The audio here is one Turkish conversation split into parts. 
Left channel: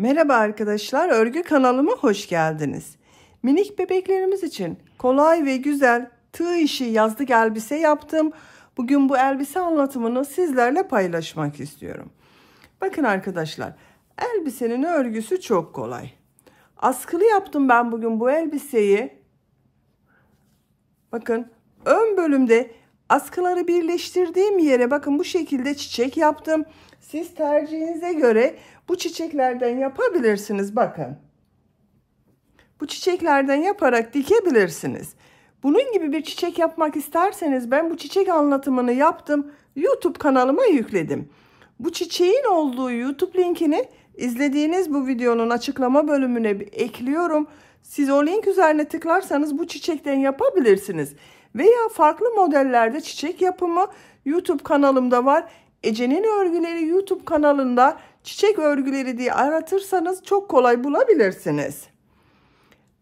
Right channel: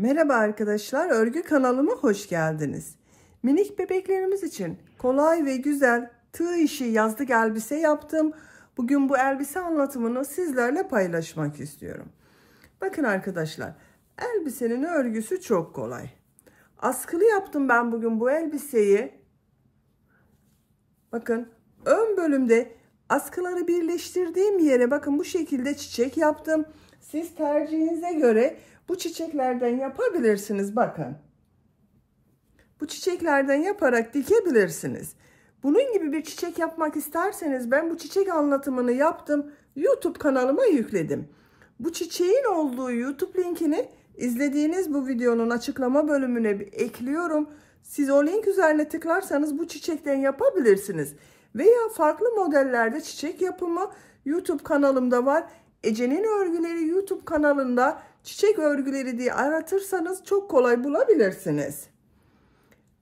Merhaba arkadaşlar, örgü kanalıma hoş geldiniz. Minik bebeklerimiz için kolay ve güzel tığ işi yazlık elbise yaptım. Bugün bu elbise anlatımını sizlerle paylaşmak istiyorum. Bakın arkadaşlar, elbisenin örgüsü çok kolay. Askılı yaptım ben bugün bu elbiseyi. Bakın ön bölümde askıları birleştirdiğim yere bakın bu şekilde çiçek yaptım. Siz tercihinize göre bu çiçeklerden yapabilirsiniz. Bakın. Bu çiçeklerden yaparak dikebilirsiniz. Bunun gibi bir çiçek yapmak isterseniz ben bu çiçek anlatımını yaptım. YouTube kanalıma yükledim. Bu çiçeğin olduğu YouTube linkini izlediğiniz bu videonun açıklama bölümüne ekliyorum. Siz o link üzerine tıklarsanız bu çiçekten yapabilirsiniz. Veya farklı modellerde çiçek yapımı YouTube kanalımda var. Ece'nin örgüleri YouTube kanalında çiçek örgüleri diye aratırsanız çok kolay bulabilirsiniz.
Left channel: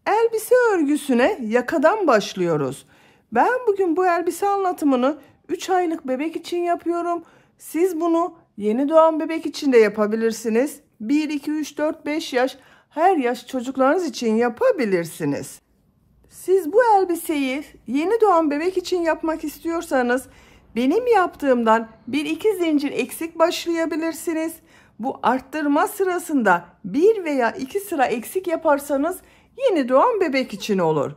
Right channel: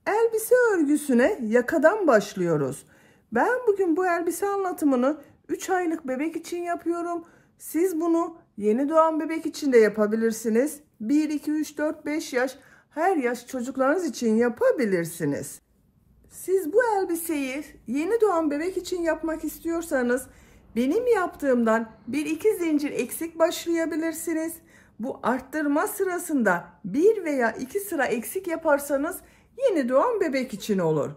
Elbise örgüsüne yakadan başlıyoruz. Ben bugün bu elbise anlatımını 3 aylık bebek için yapıyorum. Siz bunu yeni doğan bebek için de yapabilirsiniz. 1, 2, 3, 4, 5 yaş her yaş çocuklarınız için yapabilirsiniz. Siz bu elbiseyi yeni doğan bebek için yapmak istiyorsanız benim yaptığımdan 1-2 zincir eksik başlayabilirsiniz. Bu arttırma sırasında 1 veya 2 sıra eksik yaparsanız yeni doğan bebek için olur.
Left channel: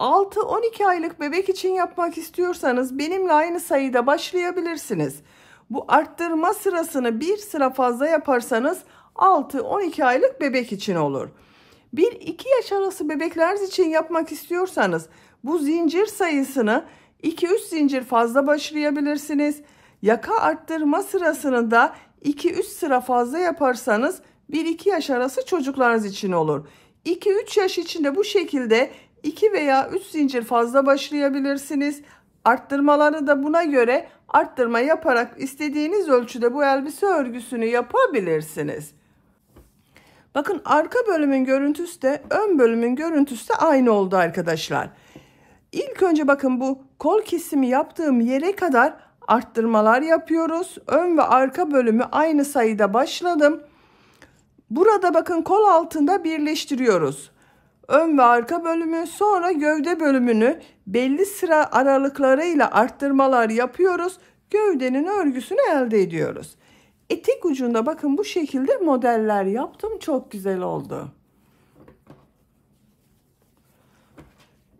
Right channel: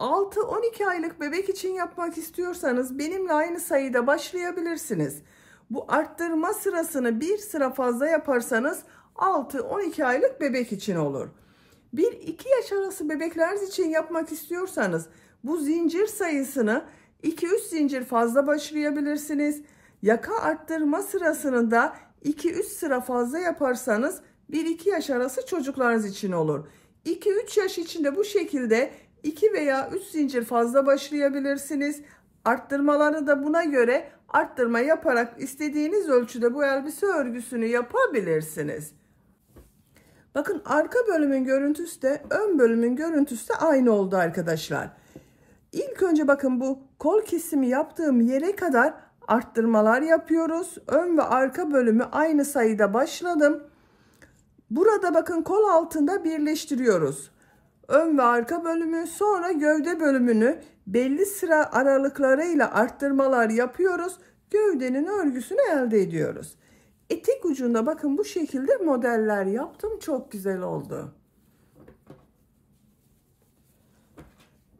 6-12 aylık bebek için yapmak istiyorsanız benimle aynı sayıda başlayabilirsiniz. Bu arttırma sırasını 1 sıra fazla yaparsanız 6-12 aylık bebek için olur. 1-2 yaş arası bebekler için yapmak istiyorsanız bu zincir sayısını 2-3 zincir fazla başlayabilirsiniz. Yaka arttırma sırasını da 2-3 sıra fazla yaparsanız 1-2 yaş arası çocuklarınız için olur. 2-3 yaş içinde bu şekilde 2 veya 3 zincir fazla başlayabilirsiniz. Arttırmaları da buna göre arttırma yaparak istediğiniz ölçüde bu elbise örgüsünü yapabilirsiniz. Bakın arka bölümün görüntüsü de ön bölümün görüntüsü de aynı oldu arkadaşlar. İlk önce bakın bu kol kesimi yaptığım yere kadar arttırmalar yapıyoruz. Ön ve arka bölümü aynı sayıda başladım. Burada bakın kol altında birleştiriyoruz. Ön ve arka bölümü, sonra gövde bölümünü belli sıra aralıklarıyla arttırmalar yapıyoruz. Gövdenin örgüsünü elde ediyoruz. Etek ucunda bakın bu şekilde modeller yaptım. Çok güzel oldu.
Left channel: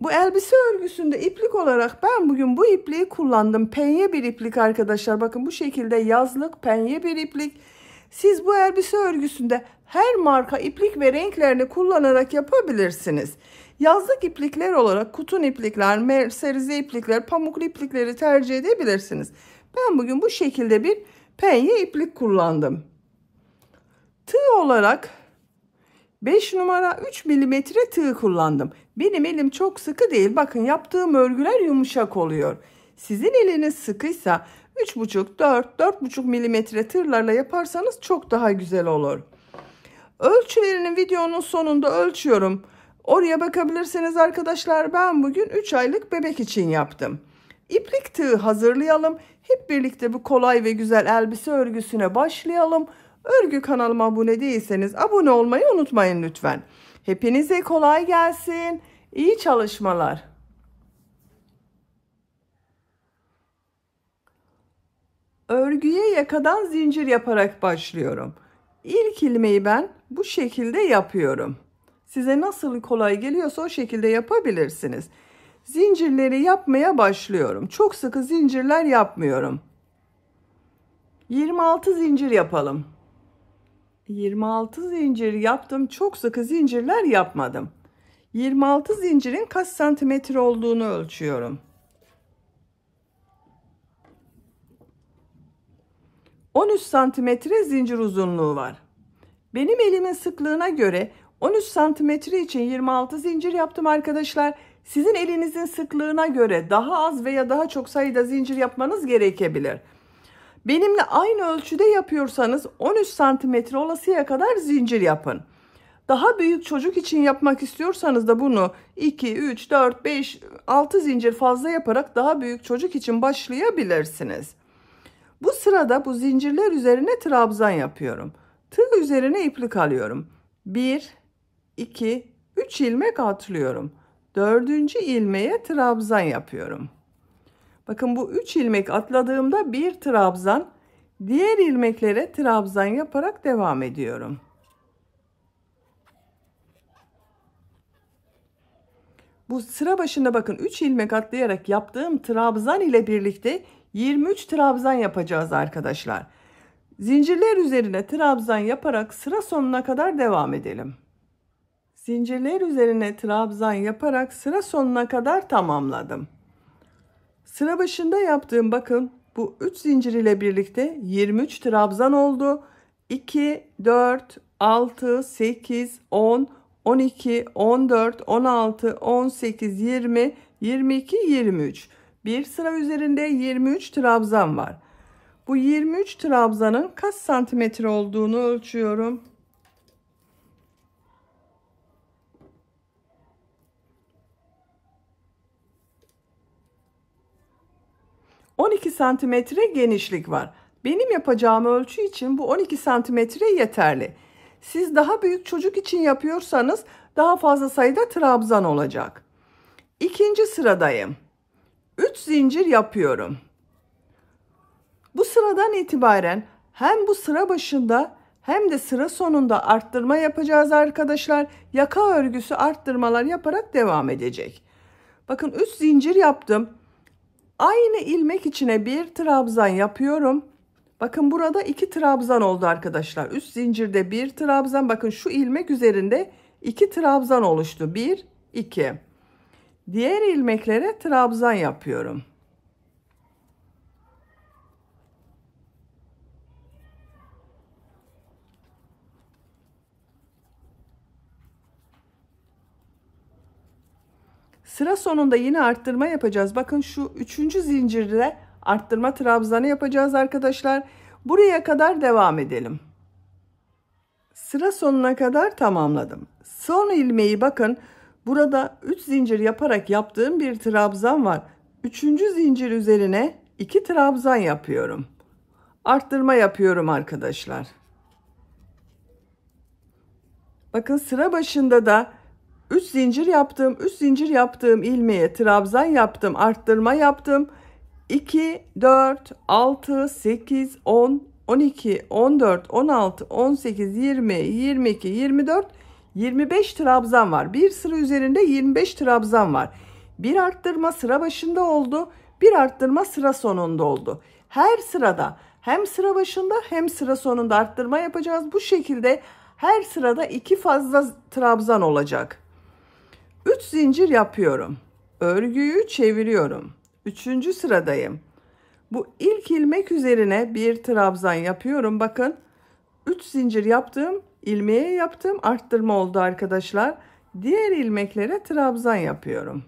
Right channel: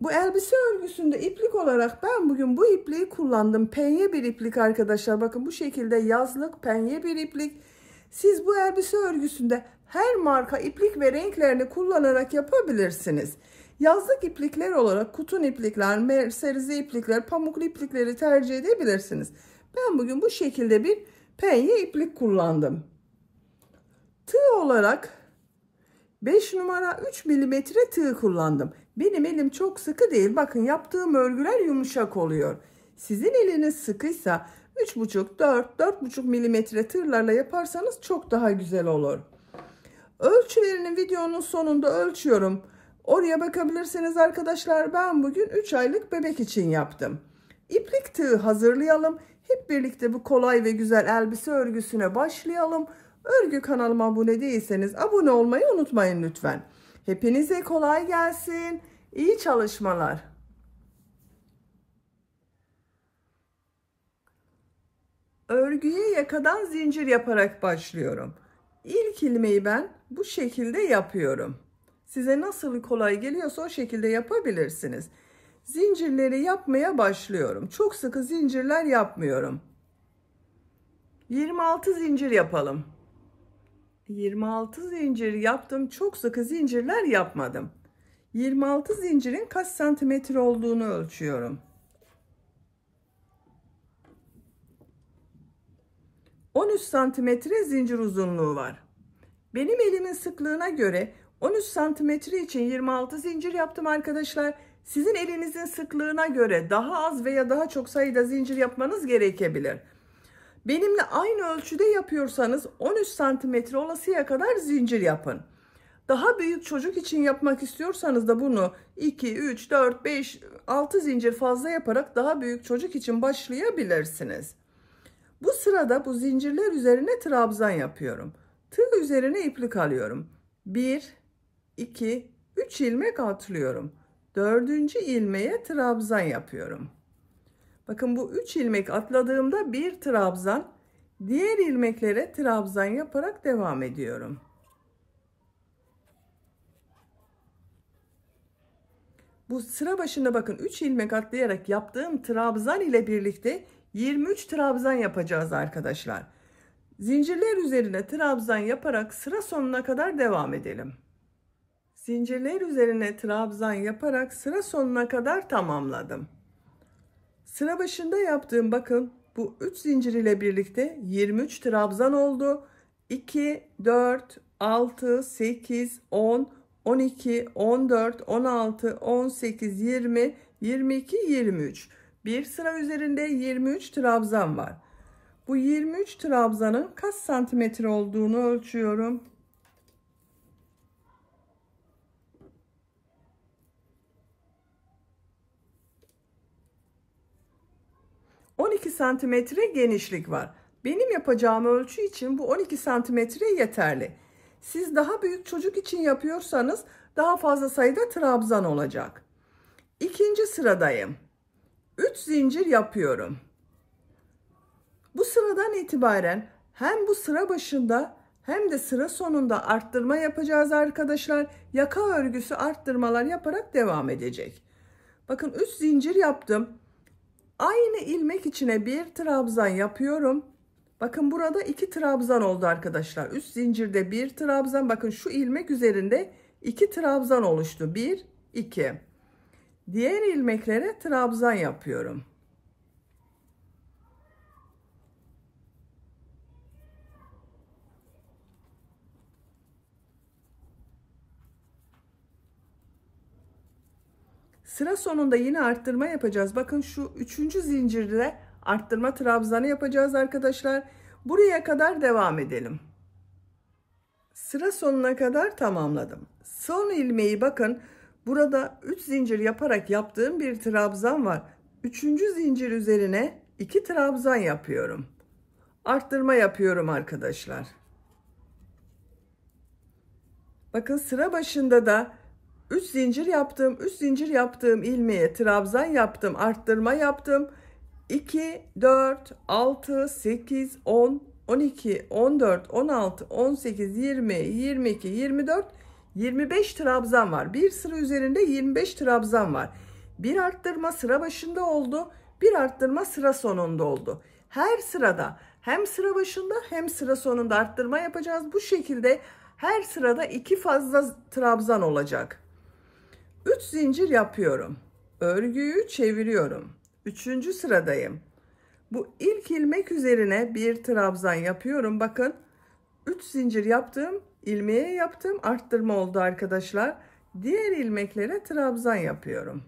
Bu elbise örgüsünde iplik olarak ben bugün bu ipliği kullandım. Penye bir iplik arkadaşlar. Bakın bu şekilde yazlık penye bir iplik. Siz bu elbise örgüsünde her marka iplik ve renklerini kullanarak yapabilirsiniz. Yazlık iplikler olarak kutun iplikler, merserize iplikler, pamuklu iplikleri tercih edebilirsiniz. Ben bugün bu şekilde bir penye iplik kullandım. Tığ olarak 5 numara 3 milimetre tığ kullandım. Benim elim çok sıkı değil. Bakın yaptığım örgüler yumuşak oluyor. Sizin eliniz sıkıysa 3,5-4,5 milimetre tığlarla yaparsanız çok daha güzel olur. Ölçülerini videonun sonunda ölçüyorum. Oraya bakabilirsiniz arkadaşlar. Ben bugün 3 aylık bebek için yaptım. İplik tığı hazırlayalım. Hep birlikte bu kolay ve güzel elbise örgüsüne başlayalım. Örgü kanalıma abone değilseniz abone olmayı unutmayın lütfen. Hepinize kolay gelsin. İyi çalışmalar. Örgüye yakadan zincir yaparak başlıyorum. İlk ilmeği ben bu şekilde yapıyorum. Size nasıl kolay geliyorsa o şekilde yapabilirsiniz. Zincirleri yapmaya başlıyorum. Çok sıkı zincirler yapmıyorum. 26 zincir yapalım. 26 zincir yaptım. Çok sıkı zincirler yapmadım. 26 zincirin kaç santimetre olduğunu ölçüyorum. 13 santimetre zincir uzunluğu var. Benim elimin sıklığına göre 13 santimetre için 26 zincir yaptım arkadaşlar. Sizin elinizin sıklığına göre daha az veya daha çok sayıda zincir yapmanız gerekebilir. Benimle aynı ölçüde yapıyorsanız 13 santimetre olasıya kadar zincir yapın. Daha büyük çocuk için yapmak istiyorsanız da bunu 2, 3, 4, 5, 6 zincir fazla yaparak daha büyük çocuk için başlayabilirsiniz. Bu sırada bu zincirler üzerine trabzan yapıyorum. Tığ üzerine iplik alıyorum. 1, 2, 3 ilmek atlıyorum. 4. ilmeğe trabzan yapıyorum. Bakın bu 3 ilmek atladığımda bir trabzan, diğer ilmeklere trabzan yaparak devam ediyorum. Bu sıra başında bakın 3 ilmek atlayarak yaptığım trabzan ile birlikte 23 trabzan yapacağız arkadaşlar. Zincirler üzerine trabzan yaparak sıra sonuna kadar devam edelim. Zincirler üzerine trabzan yaparak sıra sonuna kadar tamamladım. Sıra başında yaptığım bakın bu 3 zincir ile birlikte 23 trabzan oldu. 2, 4, 6, 8, 10, 12, 14, 16, 18, 20, 22, 23. Bir sıra üzerinde 23 trabzan var. Bu 23 trabzanın kaç santimetre olduğunu ölçüyorum. 12 santimetre genişlik var. Benim yapacağım ölçü için bu 12 santimetre yeterli. Siz daha büyük çocuk için yapıyorsanız daha fazla sayıda trabzan olacak. İkinci sıradayım. 3 zincir yapıyorum. Bu sıradan itibaren hem bu sıra başında hem de sıra sonunda arttırma yapacağız arkadaşlar. Yaka örgüsü arttırmalar yaparak devam edecek. Bakın 3 zincir yaptım. Aynı ilmek içine bir trabzan yapıyorum. Bakın burada 2 trabzan oldu arkadaşlar. Üst zincirde bir trabzan. Bakın şu ilmek üzerinde 2 trabzan oluştu. 1, 2. Diğer ilmeklere trabzan yapıyorum. Sıra sonunda yine arttırma yapacağız. Bakın şu 3. zincirde arttırma trabzanı yapacağız arkadaşlar. Buraya kadar devam edelim. Sıra sonuna kadar tamamladım. Son ilmeği bakın burada 3 zincir yaparak yaptığım bir trabzan var. 3. zincir üzerine 2 trabzan yapıyorum. Arttırma yapıyorum arkadaşlar. Bakın sıra başında da 3 zincir yaptım. 3 zincir yaptığım ilmeğe trabzan yaptım. Arttırma yaptım. 2, 4, 6, 8, 10, 12, 14, 16, 18, 20, 22, 24, 25 trabzan var. Bir sıra üzerinde 25 trabzan var. Bir arttırma sıra başında oldu. Bir arttırma sıra sonunda oldu. Her sırada hem sıra başında hem sıra sonunda arttırma yapacağız. Bu şekilde her sırada 2 fazla trabzan olacak. 3 zincir yapıyorum. Örgüyü çeviriyorum. 3. sıradayım. Bu ilk ilmek üzerine bir trabzan yapıyorum. Bakın 3 zincir yaptım. İlmeğe yaptım. Arttırma oldu arkadaşlar. Diğer ilmeklere trabzan yapıyorum.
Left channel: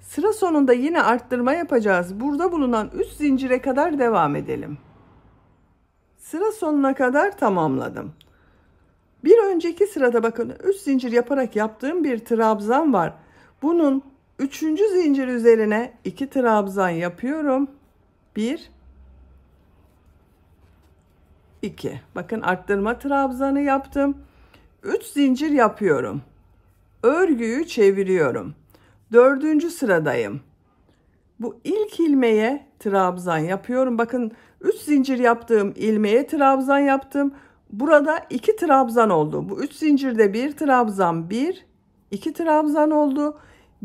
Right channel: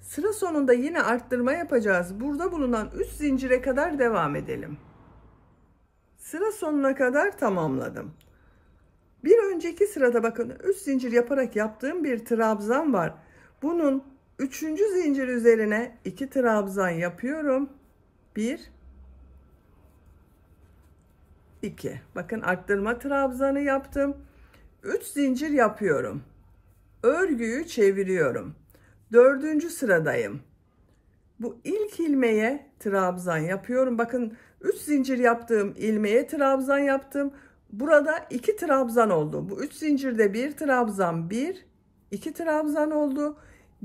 Sıra sonunda yine arttırma yapacağız. Burada bulunan 3 zincire kadar devam edelim. Sıra sonuna kadar tamamladım. Bir önceki sırada bakın 3 zincir yaparak yaptığım bir trabzan var. Bunun 3. zincir üzerine 2 trabzan yapıyorum. 1, 2. Bakın arttırma trabzanı yaptım. 3 zincir yapıyorum. Örgüyü çeviriyorum. 4. sıradayım. Bu ilk ilmeğe trabzan yapıyorum. Bakın 3 zincir yaptığım ilmeğe trabzan yaptım. Burada 2 trabzan oldu. Bu 3 zincirde bir trabzan, 1, 2 trabzan oldu.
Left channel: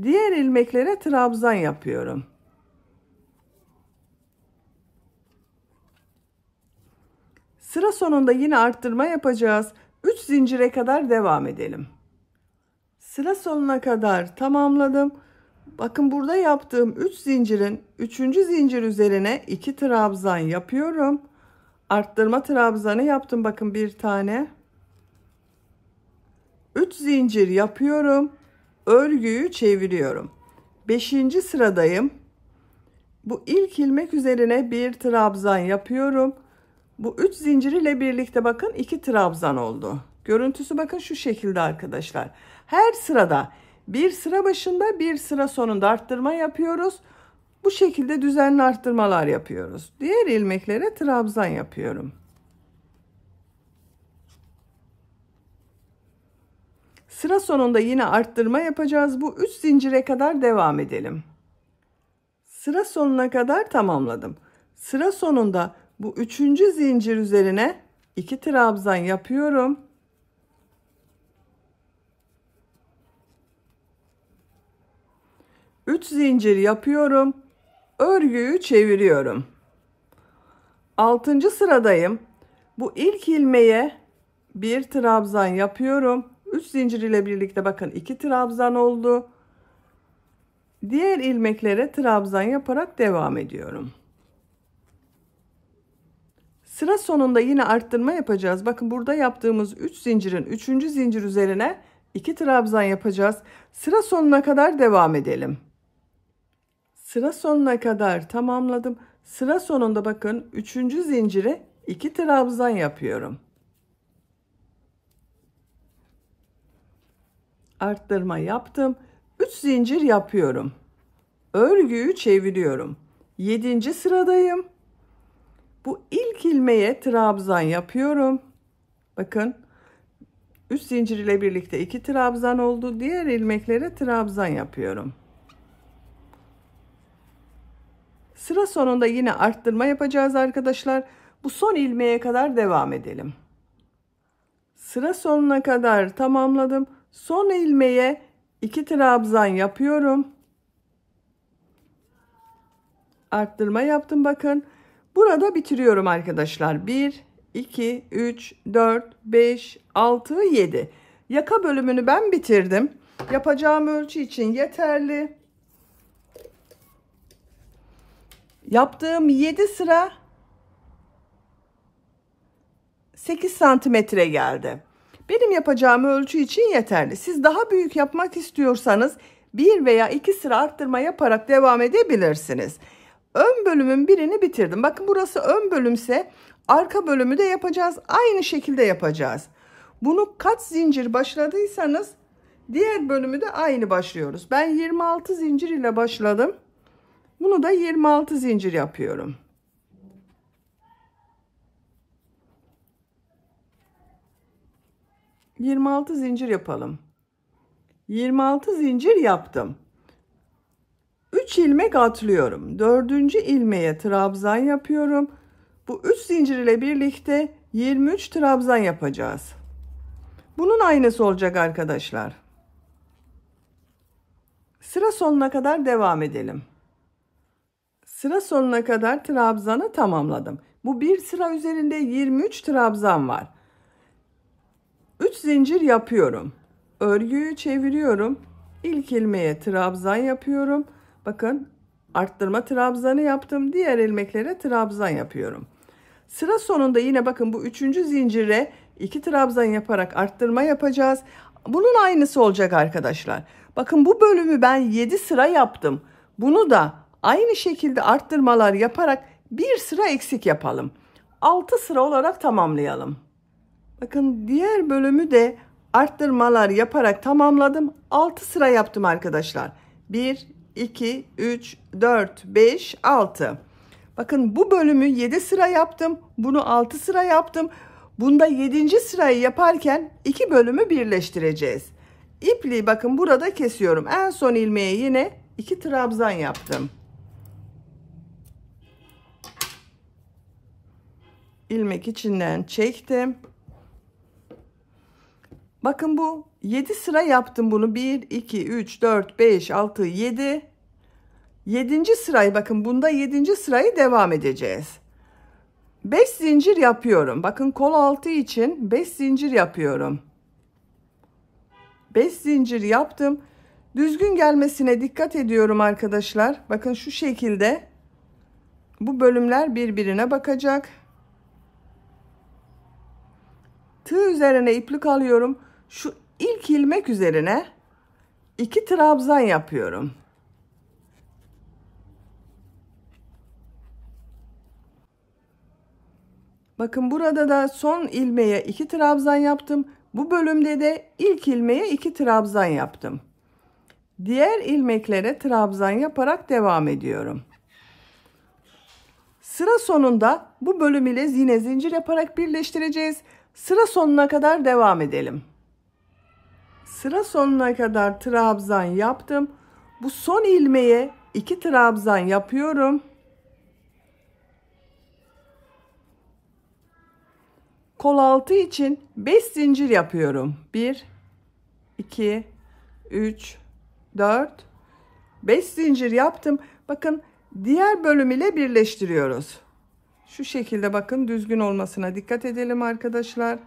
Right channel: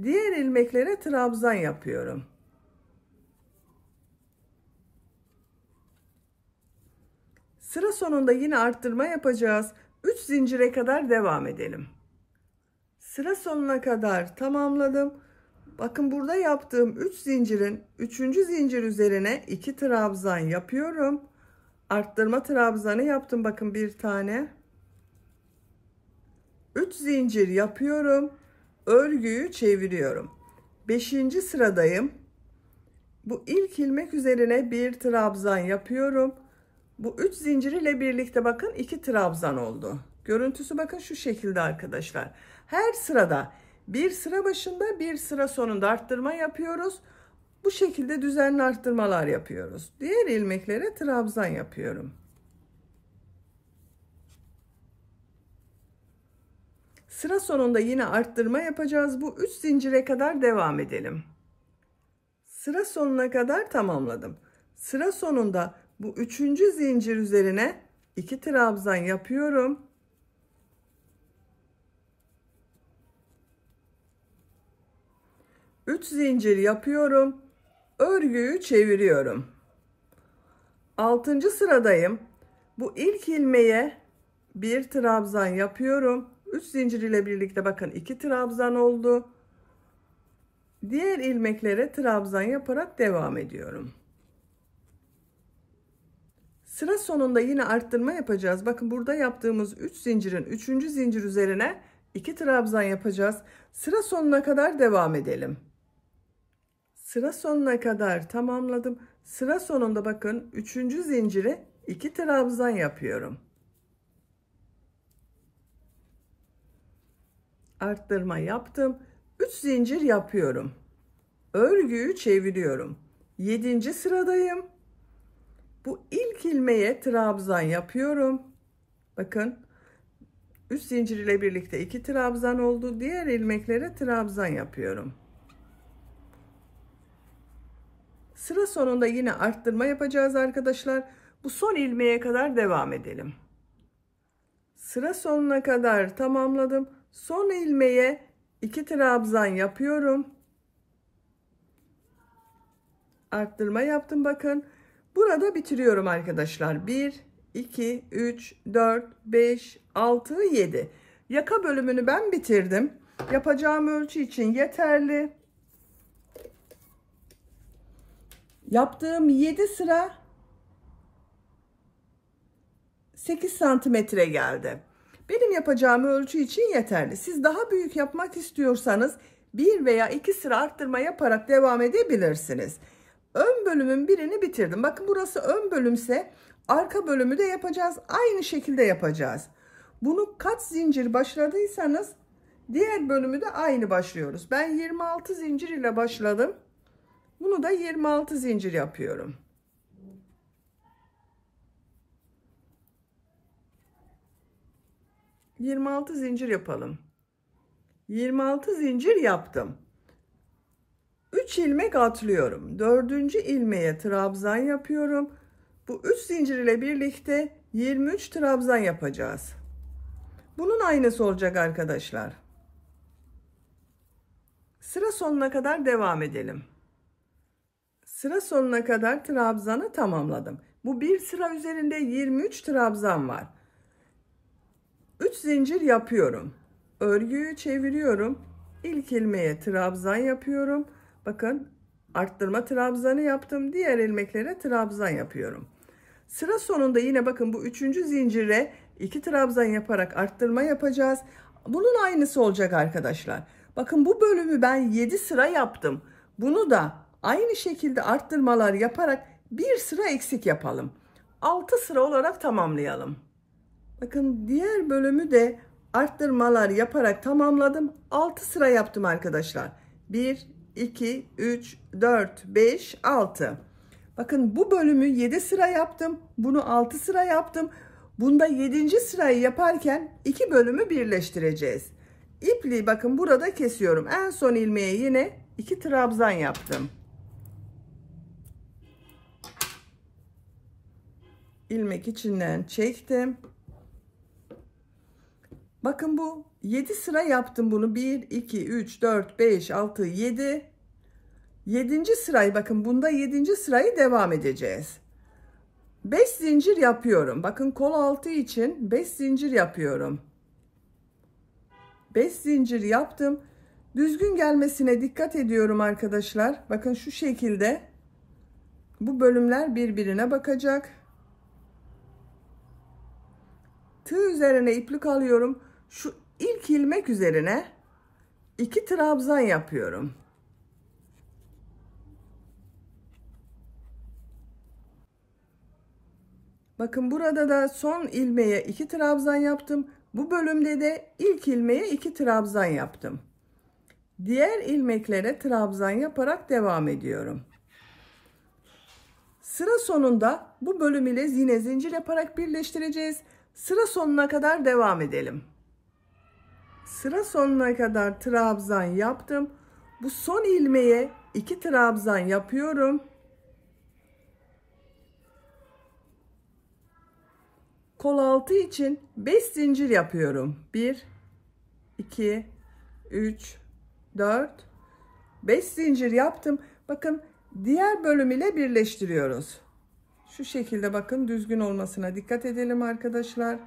Diğer ilmeklere trabzan yapıyorum. Sıra sonunda yine arttırma yapacağız. 3 zincire kadar devam edelim. Sıra sonuna kadar tamamladım. Bakın burada yaptığım 3 zincirin 3. zincir üzerine 2 trabzan yapıyorum. Arttırma trabzanı yaptım. Bakın bir tane. 3 zincir yapıyorum. Örgüyü çeviriyorum. 5. sıradayım. Bu ilk ilmek üzerine bir trabzan yapıyorum. Bu 3 zincir ile birlikte bakın 2 trabzan oldu. Görüntüsü bakın şu şekilde arkadaşlar. Her sırada bir sıra başında bir sıra sonunda arttırma yapıyoruz. Bu şekilde düzenli arttırmalar yapıyoruz. Diğer ilmeklere trabzan yapıyorum. Sıra sonunda yine arttırma yapacağız. Bu 3 zincire kadar devam edelim. Sıra sonuna kadar tamamladım. Sıra sonunda bu 3. zincir üzerine 2 trabzan yapıyorum. Üç zincir yapıyorum. Örgüyü çeviriyorum. 6. sıradayım. Bu ilk ilmeğe bir trabzan yapıyorum. 3 zincir ile birlikte bakın 2 trabzan oldu. Diğer ilmeklere trabzan yaparak devam ediyorum. Sıra sonunda yine arttırma yapacağız. Bakın burada yaptığımız 3 zincirin 3. zincir üzerine 2 trabzan yapacağız. Sıra sonuna kadar devam edelim. Sıra sonuna kadar tamamladım. Sıra sonunda bakın 3. zincire 2 trabzan yapıyorum. Arttırma yaptım. 3 zincir yapıyorum. Örgüyü çeviriyorum. 7. sıradayım. Bu ilk ilmeğe trabzan yapıyorum. Bakın 3 zincir ile birlikte 2 trabzan oldu. Diğer ilmeklere trabzan yapıyorum. Sıra sonunda yine arttırma yapacağız arkadaşlar. Bu son ilmeğe kadar devam edelim. Sıra sonuna kadar tamamladım. Son ilmeğe 2 trabzan yapıyorum. Arttırma yaptım bakın. Burada bitiriyorum arkadaşlar. 1, 2, 3, 4, 5, 6, 7. Yaka bölümünü ben bitirdim. Yapacağım ölçü için yeterli. Yaptığım 7 sıra 8 santimetre geldi. Benim yapacağım ölçü için yeterli. Siz daha büyük yapmak istiyorsanız 1 veya 2 sıra arttırma yaparak devam edebilirsiniz. Ön bölümün birini bitirdim. Bakın burası ön bölümse arka bölümü de yapacağız. Aynı şekilde yapacağız. Bunu kaç zincir başladıysanız diğer bölümü de aynı başlıyoruz. Ben 26 zincir ile başladım. Bunu da 26 zincir yapıyorum. ...26 zincir yapalım. 26 zincir yaptım. 3 ilmek atlıyorum. 4. ilmeğe trabzan yapıyorum. Bu 3 zincir ile birlikte 23 trabzan yapacağız. Bunun aynısı olacak arkadaşlar. Sıra sonuna kadar devam edelim. Sıra sonuna kadar trabzanı tamamladım. Bu bir sıra üzerinde 23 trabzan var. 3 zincir yapıyorum. Örgüyü çeviriyorum. İlk ilmeğe trabzan yapıyorum. Bakın arttırma trabzanı yaptım. Diğer ilmeklere trabzan yapıyorum. Sıra sonunda yine bakın bu 3. zincire 2 trabzan yaparak arttırma yapacağız. Bunun aynısı olacak arkadaşlar. Bakın bu bölümü ben 7 sıra yaptım. Bunu da aynı şekilde arttırmalar yaparak bir sıra eksik yapalım. 6 sıra olarak tamamlayalım. Bakın diğer bölümü de arttırmalar yaparak tamamladım. 6 sıra yaptım arkadaşlar. 1, 2, 3, 4, 5, 6. Bakın bu bölümü 7 sıra yaptım. Bunu 6 sıra yaptım. Bunda 7. sırayı yaparken 2 bölümü birleştireceğiz. İpliği bakın burada kesiyorum. En son ilmeğe yine 2 trabzan yaptım. İlmek içinden çektim. Bakın bu 7 sıra yaptım bunu. 1, 2, 3, 4, 5, 6, 7. 7. sırayı bakın bunda 7. sırayı devam edeceğiz. 5 zincir yapıyorum. Bakın kol altı için 5 zincir yapıyorum. 5 zincir yaptım. Düzgün gelmesine dikkat ediyorum arkadaşlar. Bakın şu şekilde bu bölümler birbirine bakacak. Tığ üzerine iplik alıyorum. Şu ilk ilmek üzerine 2 trabzan yapıyorum. Bakın burada da son ilmeğe 2 trabzan yaptım. Bu bölümde de ilk ilmeğe 2 trabzan yaptım. Diğer ilmeklere trabzan yaparak devam ediyorum. Sıra sonunda bu bölüm ile yine zincir yaparak birleştireceğiz. Sıra sonuna kadar devam edelim. Sıra sonuna kadar trabzan yaptım. Bu son ilmeğe 2 trabzan yapıyorum. Kol altı için 5 zincir yapıyorum. 1 2 3 4 5 zincir yaptım. Bakın diğer bölüm ile birleştiriyoruz. Şu şekilde bakın, düzgün olmasına dikkat edelim arkadaşlar.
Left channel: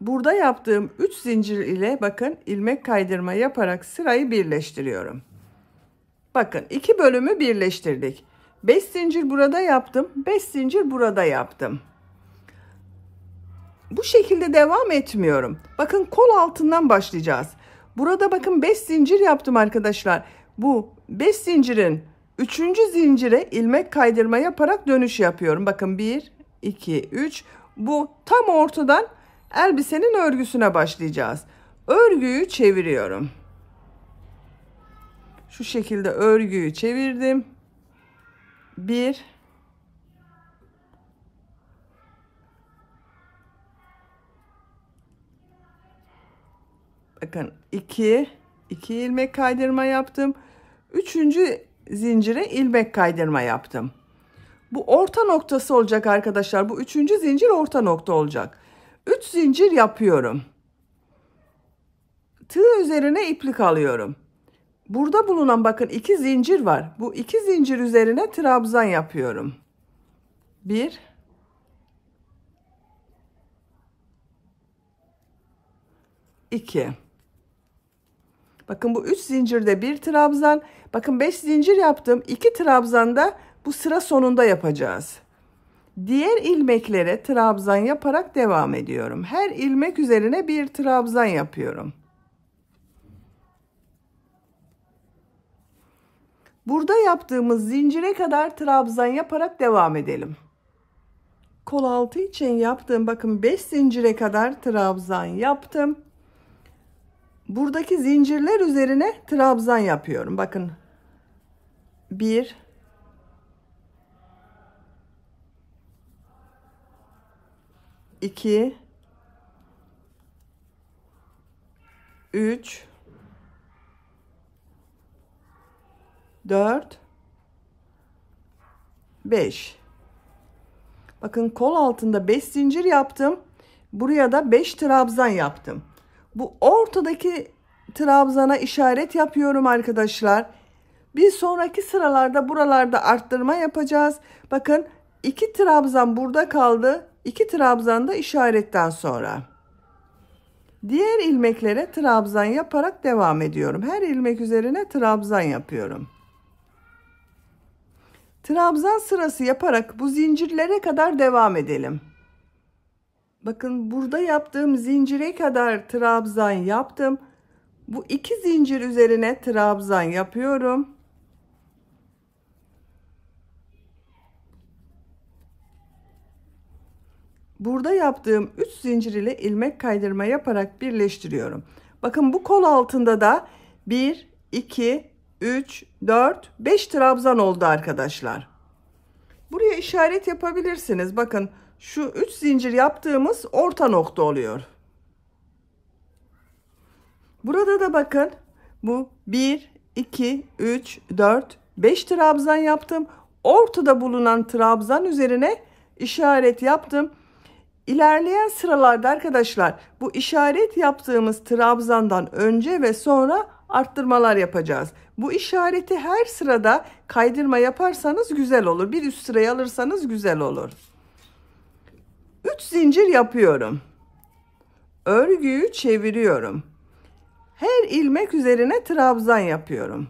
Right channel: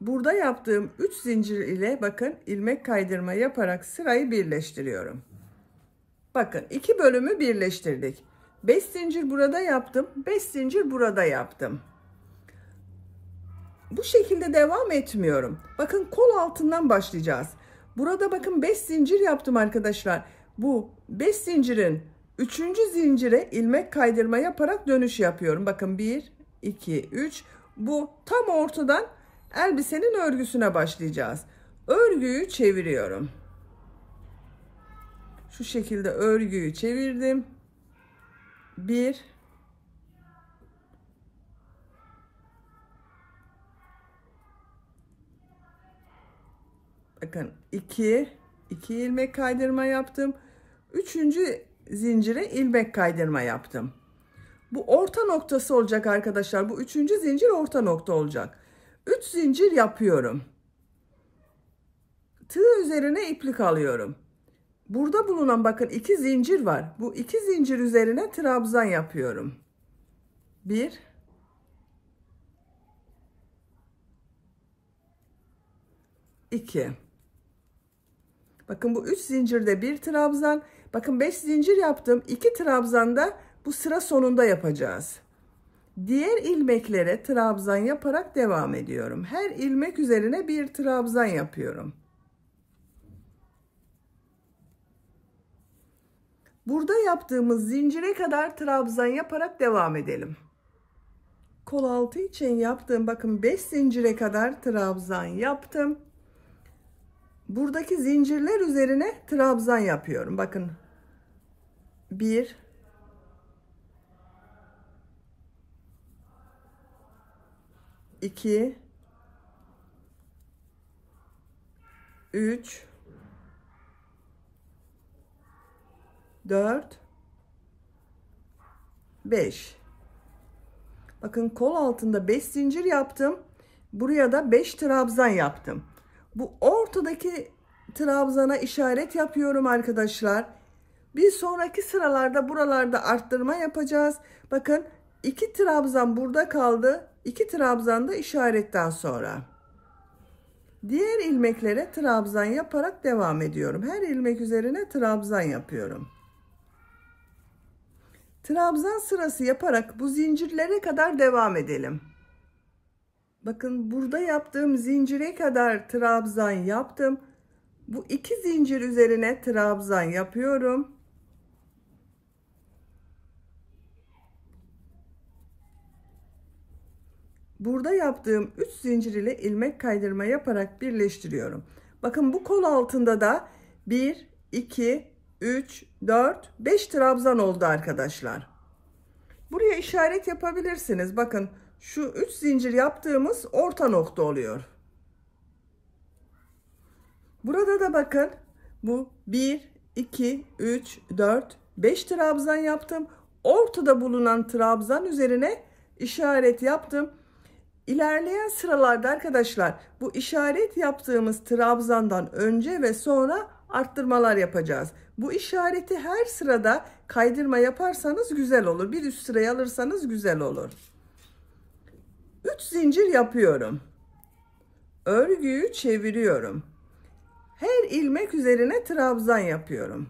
Burada yaptığım 3 zincir ile bakın ilmek kaydırma yaparak sırayı birleştiriyorum. Bakın 2 bölümü birleştirdik. 5 zincir burada yaptım. 5 zincir burada yaptım. Bu şekilde devam etmiyorum. Bakın kol altından başlayacağız. Burada bakın 5 zincir yaptım arkadaşlar. Bu 5 zincirin 3. zincire ilmek kaydırma yaparak dönüş yapıyorum. Bakın 1 2 3, bu tam ortadan elbisenin örgüsüne başlayacağız. Örgüyü çeviriyorum. Şu şekilde örgüyü çevirdim. 1 bakın 2 ilmek kaydırma yaptım. 3. zincire ilmek kaydırma yaptım. Bu orta noktası olacak arkadaşlar. Bu 3. zincir orta nokta olacak. 3 zincir yapıyorum. Tığ üzerine iplik alıyorum. Burada bulunan bakın 2 zincir var. Bu 2 zincir üzerine trabzan yapıyorum. 1 2. Bakın bu 3 zincirde bir trabzan. Bakın 5 zincir yaptım. 2 trabzan da bu sıra sonunda yapacağız. Diğer ilmeklere trabzan yaparak devam ediyorum. Her ilmek üzerine bir trabzan yapıyorum. Burada yaptığımız zincire kadar trabzan yaparak devam edelim. Kol altı için yaptığım bakın 5 zincire kadar trabzan yaptım. Buradaki zincirler üzerine trabzan yapıyorum. Bakın 1 2 3 4 5. Bakın kol altında 5 zincir yaptım. Buraya da 5 trabzan yaptım. Bu ortadaki trabzana işaret yapıyorum arkadaşlar. Bir sonraki sıralarda buralarda arttırma yapacağız. Bakın 2 trabzan burada kaldı. 2 trabzan da işaretten sonra. Diğer ilmeklere trabzan yaparak devam ediyorum. Her ilmek üzerine trabzan yapıyorum. Trabzan sırası yaparak bu zincirlere kadar devam edelim. Bakın burada yaptığım zincire kadar trabzan yaptım. Bu 2 zincir üzerine trabzan yapıyorum. Burada yaptığım 3 zincir ile ilmek kaydırma yaparak birleştiriyorum. Bakın bu kol altında da 1 2 3 4 5 trabzan oldu arkadaşlar. Buraya işaret yapabilirsiniz. Bakın şu 3 zincir yaptığımız orta nokta oluyor. Burada da bakın bu 1 2 3 4 5 trabzan yaptım. Ortada bulunan trabzan üzerine işaret yaptım. İlerleyen sıralarda arkadaşlar bu işaret yaptığımız trabzandan önce ve sonra arttırmalar yapacağız. Bu işareti her sırada kaydırma yaparsanız güzel olur. Bir üst sıraya alırsanız güzel olur. 3 zincir yapıyorum. Örgüyü çeviriyorum. Her ilmek üzerine trabzan yapıyorum.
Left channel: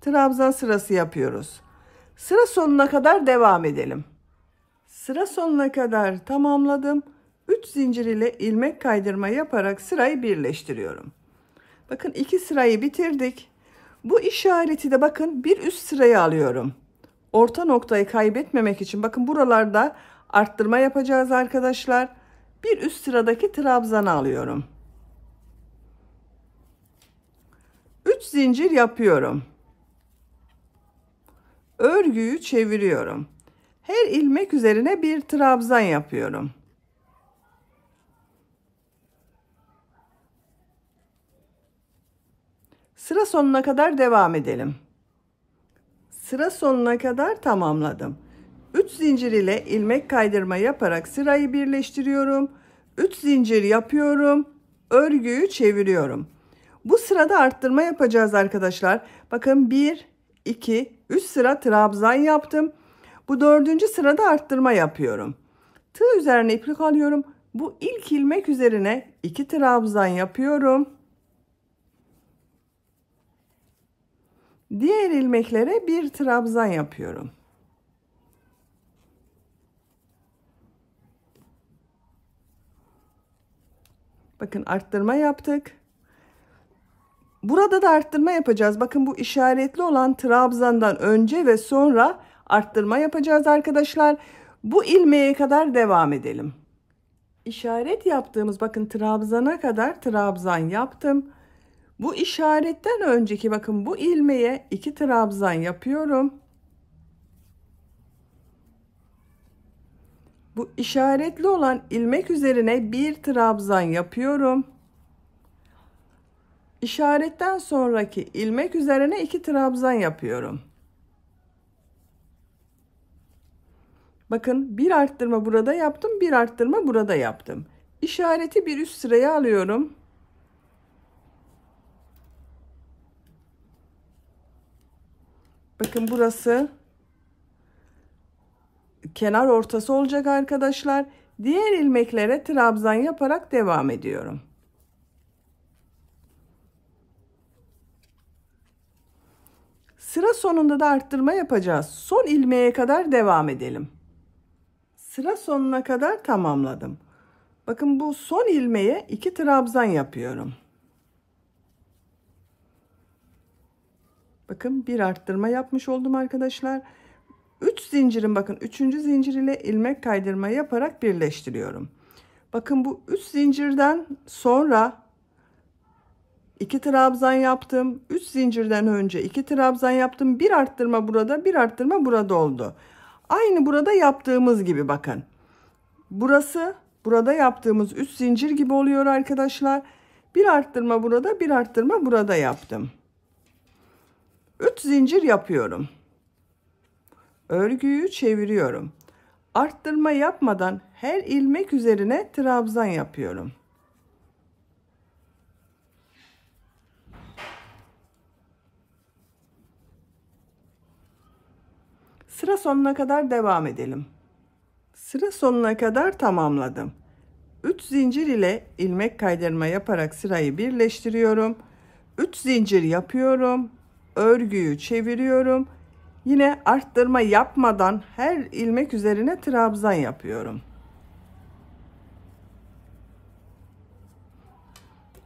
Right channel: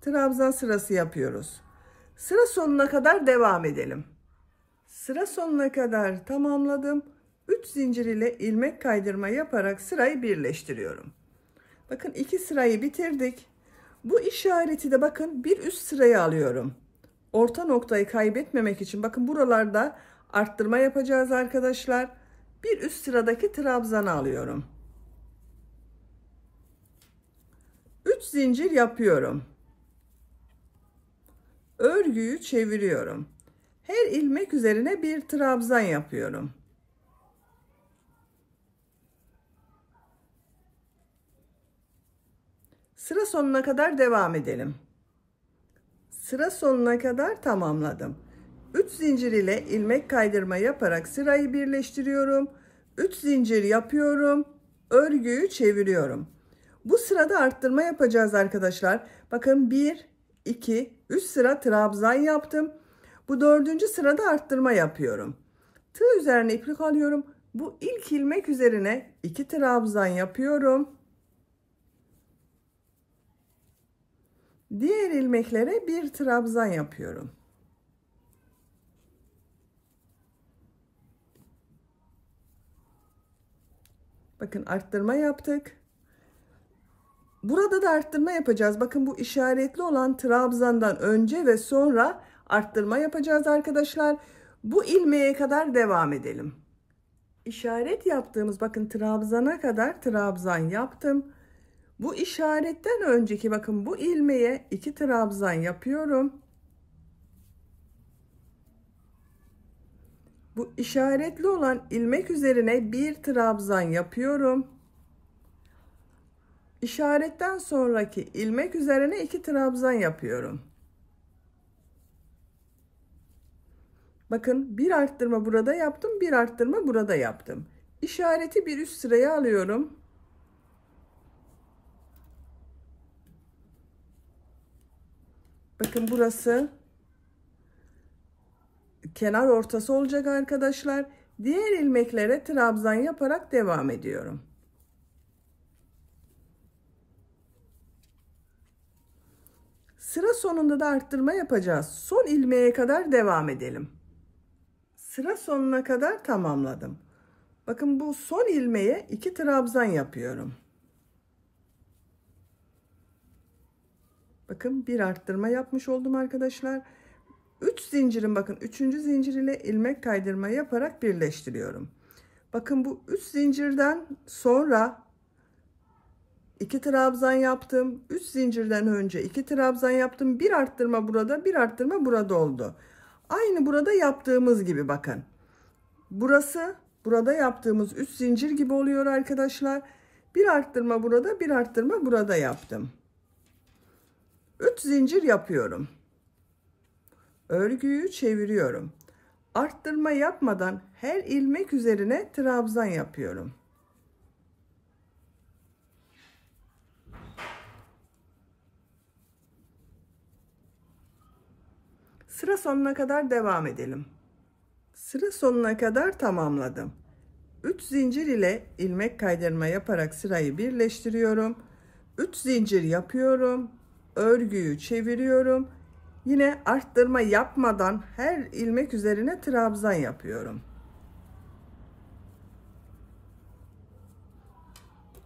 Trabzan sırası yapıyoruz. Sıra sonuna kadar devam edelim. Sıra sonuna kadar tamamladım. 3 zincir ile ilmek kaydırma yaparak sırayı birleştiriyorum. Bakın 2 sırayı bitirdik. Bu işareti de bakın bir üst sıraya alıyorum. Orta noktayı kaybetmemek için bakın buralarda arttırma yapacağız arkadaşlar. Bir üst sıradaki trabzanı alıyorum. 3 zincir yapıyorum. Örgüyü çeviriyorum. Her ilmek üzerine bir trabzan yapıyorum. Sıra sonuna kadar devam edelim. Sıra sonuna kadar tamamladım. 3 zincir ile ilmek kaydırma yaparak sırayı birleştiriyorum. 3 zincir yapıyorum. Örgüyü çeviriyorum. Bu sırada arttırma yapacağız arkadaşlar. Bakın 1, 2, 3 sıra trabzan yaptım. Bu 4. sırada arttırma yapıyorum. Tığ üzerine iplik alıyorum. Bu ilk ilmek üzerine 2 trabzan yapıyorum. Diğer ilmeklere bir trabzan yapıyorum. Bakın arttırma yaptık. Burada da arttırma yapacağız. Bakın bu işaretli olan trabzandan önce ve sonra arttırma yapacağız arkadaşlar. Bu ilmeğe kadar devam edelim. İşaret yaptığımız bakın trabzana kadar trabzan yaptım. Bu işaretten önceki bakın bu ilmeğe 2 trabzan yapıyorum. Bu işaretli olan ilmek üzerine bir trabzan yapıyorum. İşaretten sonraki ilmek üzerine 2 trabzan yapıyorum. Bakın bir arttırma burada yaptım, bir arttırma burada yaptım. İşareti bir üst sıraya alıyorum. Bakın burası kenar ortası olacak arkadaşlar. Diğer ilmeklere trabzan yaparak devam ediyorum. Sıra sonunda da arttırma yapacağız. Son ilmeğe kadar devam edelim. Sıra sonuna kadar tamamladım. Bakın bu son ilmeğe 2 trabzan yapıyorum. Bakın bir arttırma yapmış oldum arkadaşlar. 3 zincirin bakın 3. zincir ile ilmek kaydırma yaparak birleştiriyorum. Bakın bu 3 zincirden sonra 2 trabzan yaptım. 3 zincirden önce 2 trabzan yaptım. Bir arttırma burada, bir arttırma burada oldu. Aynı burada yaptığımız gibi bakın. Burası burada yaptığımız 3 zincir gibi oluyor arkadaşlar. Bir arttırma burada, bir arttırma burada yaptım. 3 zincir yapıyorum. Örgüyü çeviriyorum. Arttırma yapmadan her ilmek üzerine trabzan yapıyorum. Sıra sonuna kadar devam edelim. Sıra sonuna kadar tamamladım. 3 zincir ile ilmek kaydırma yaparak sırayı birleştiriyorum. 3 zincir yapıyorum. Örgüyü çeviriyorum. Yine arttırma yapmadan her ilmek üzerine trabzan yapıyorum.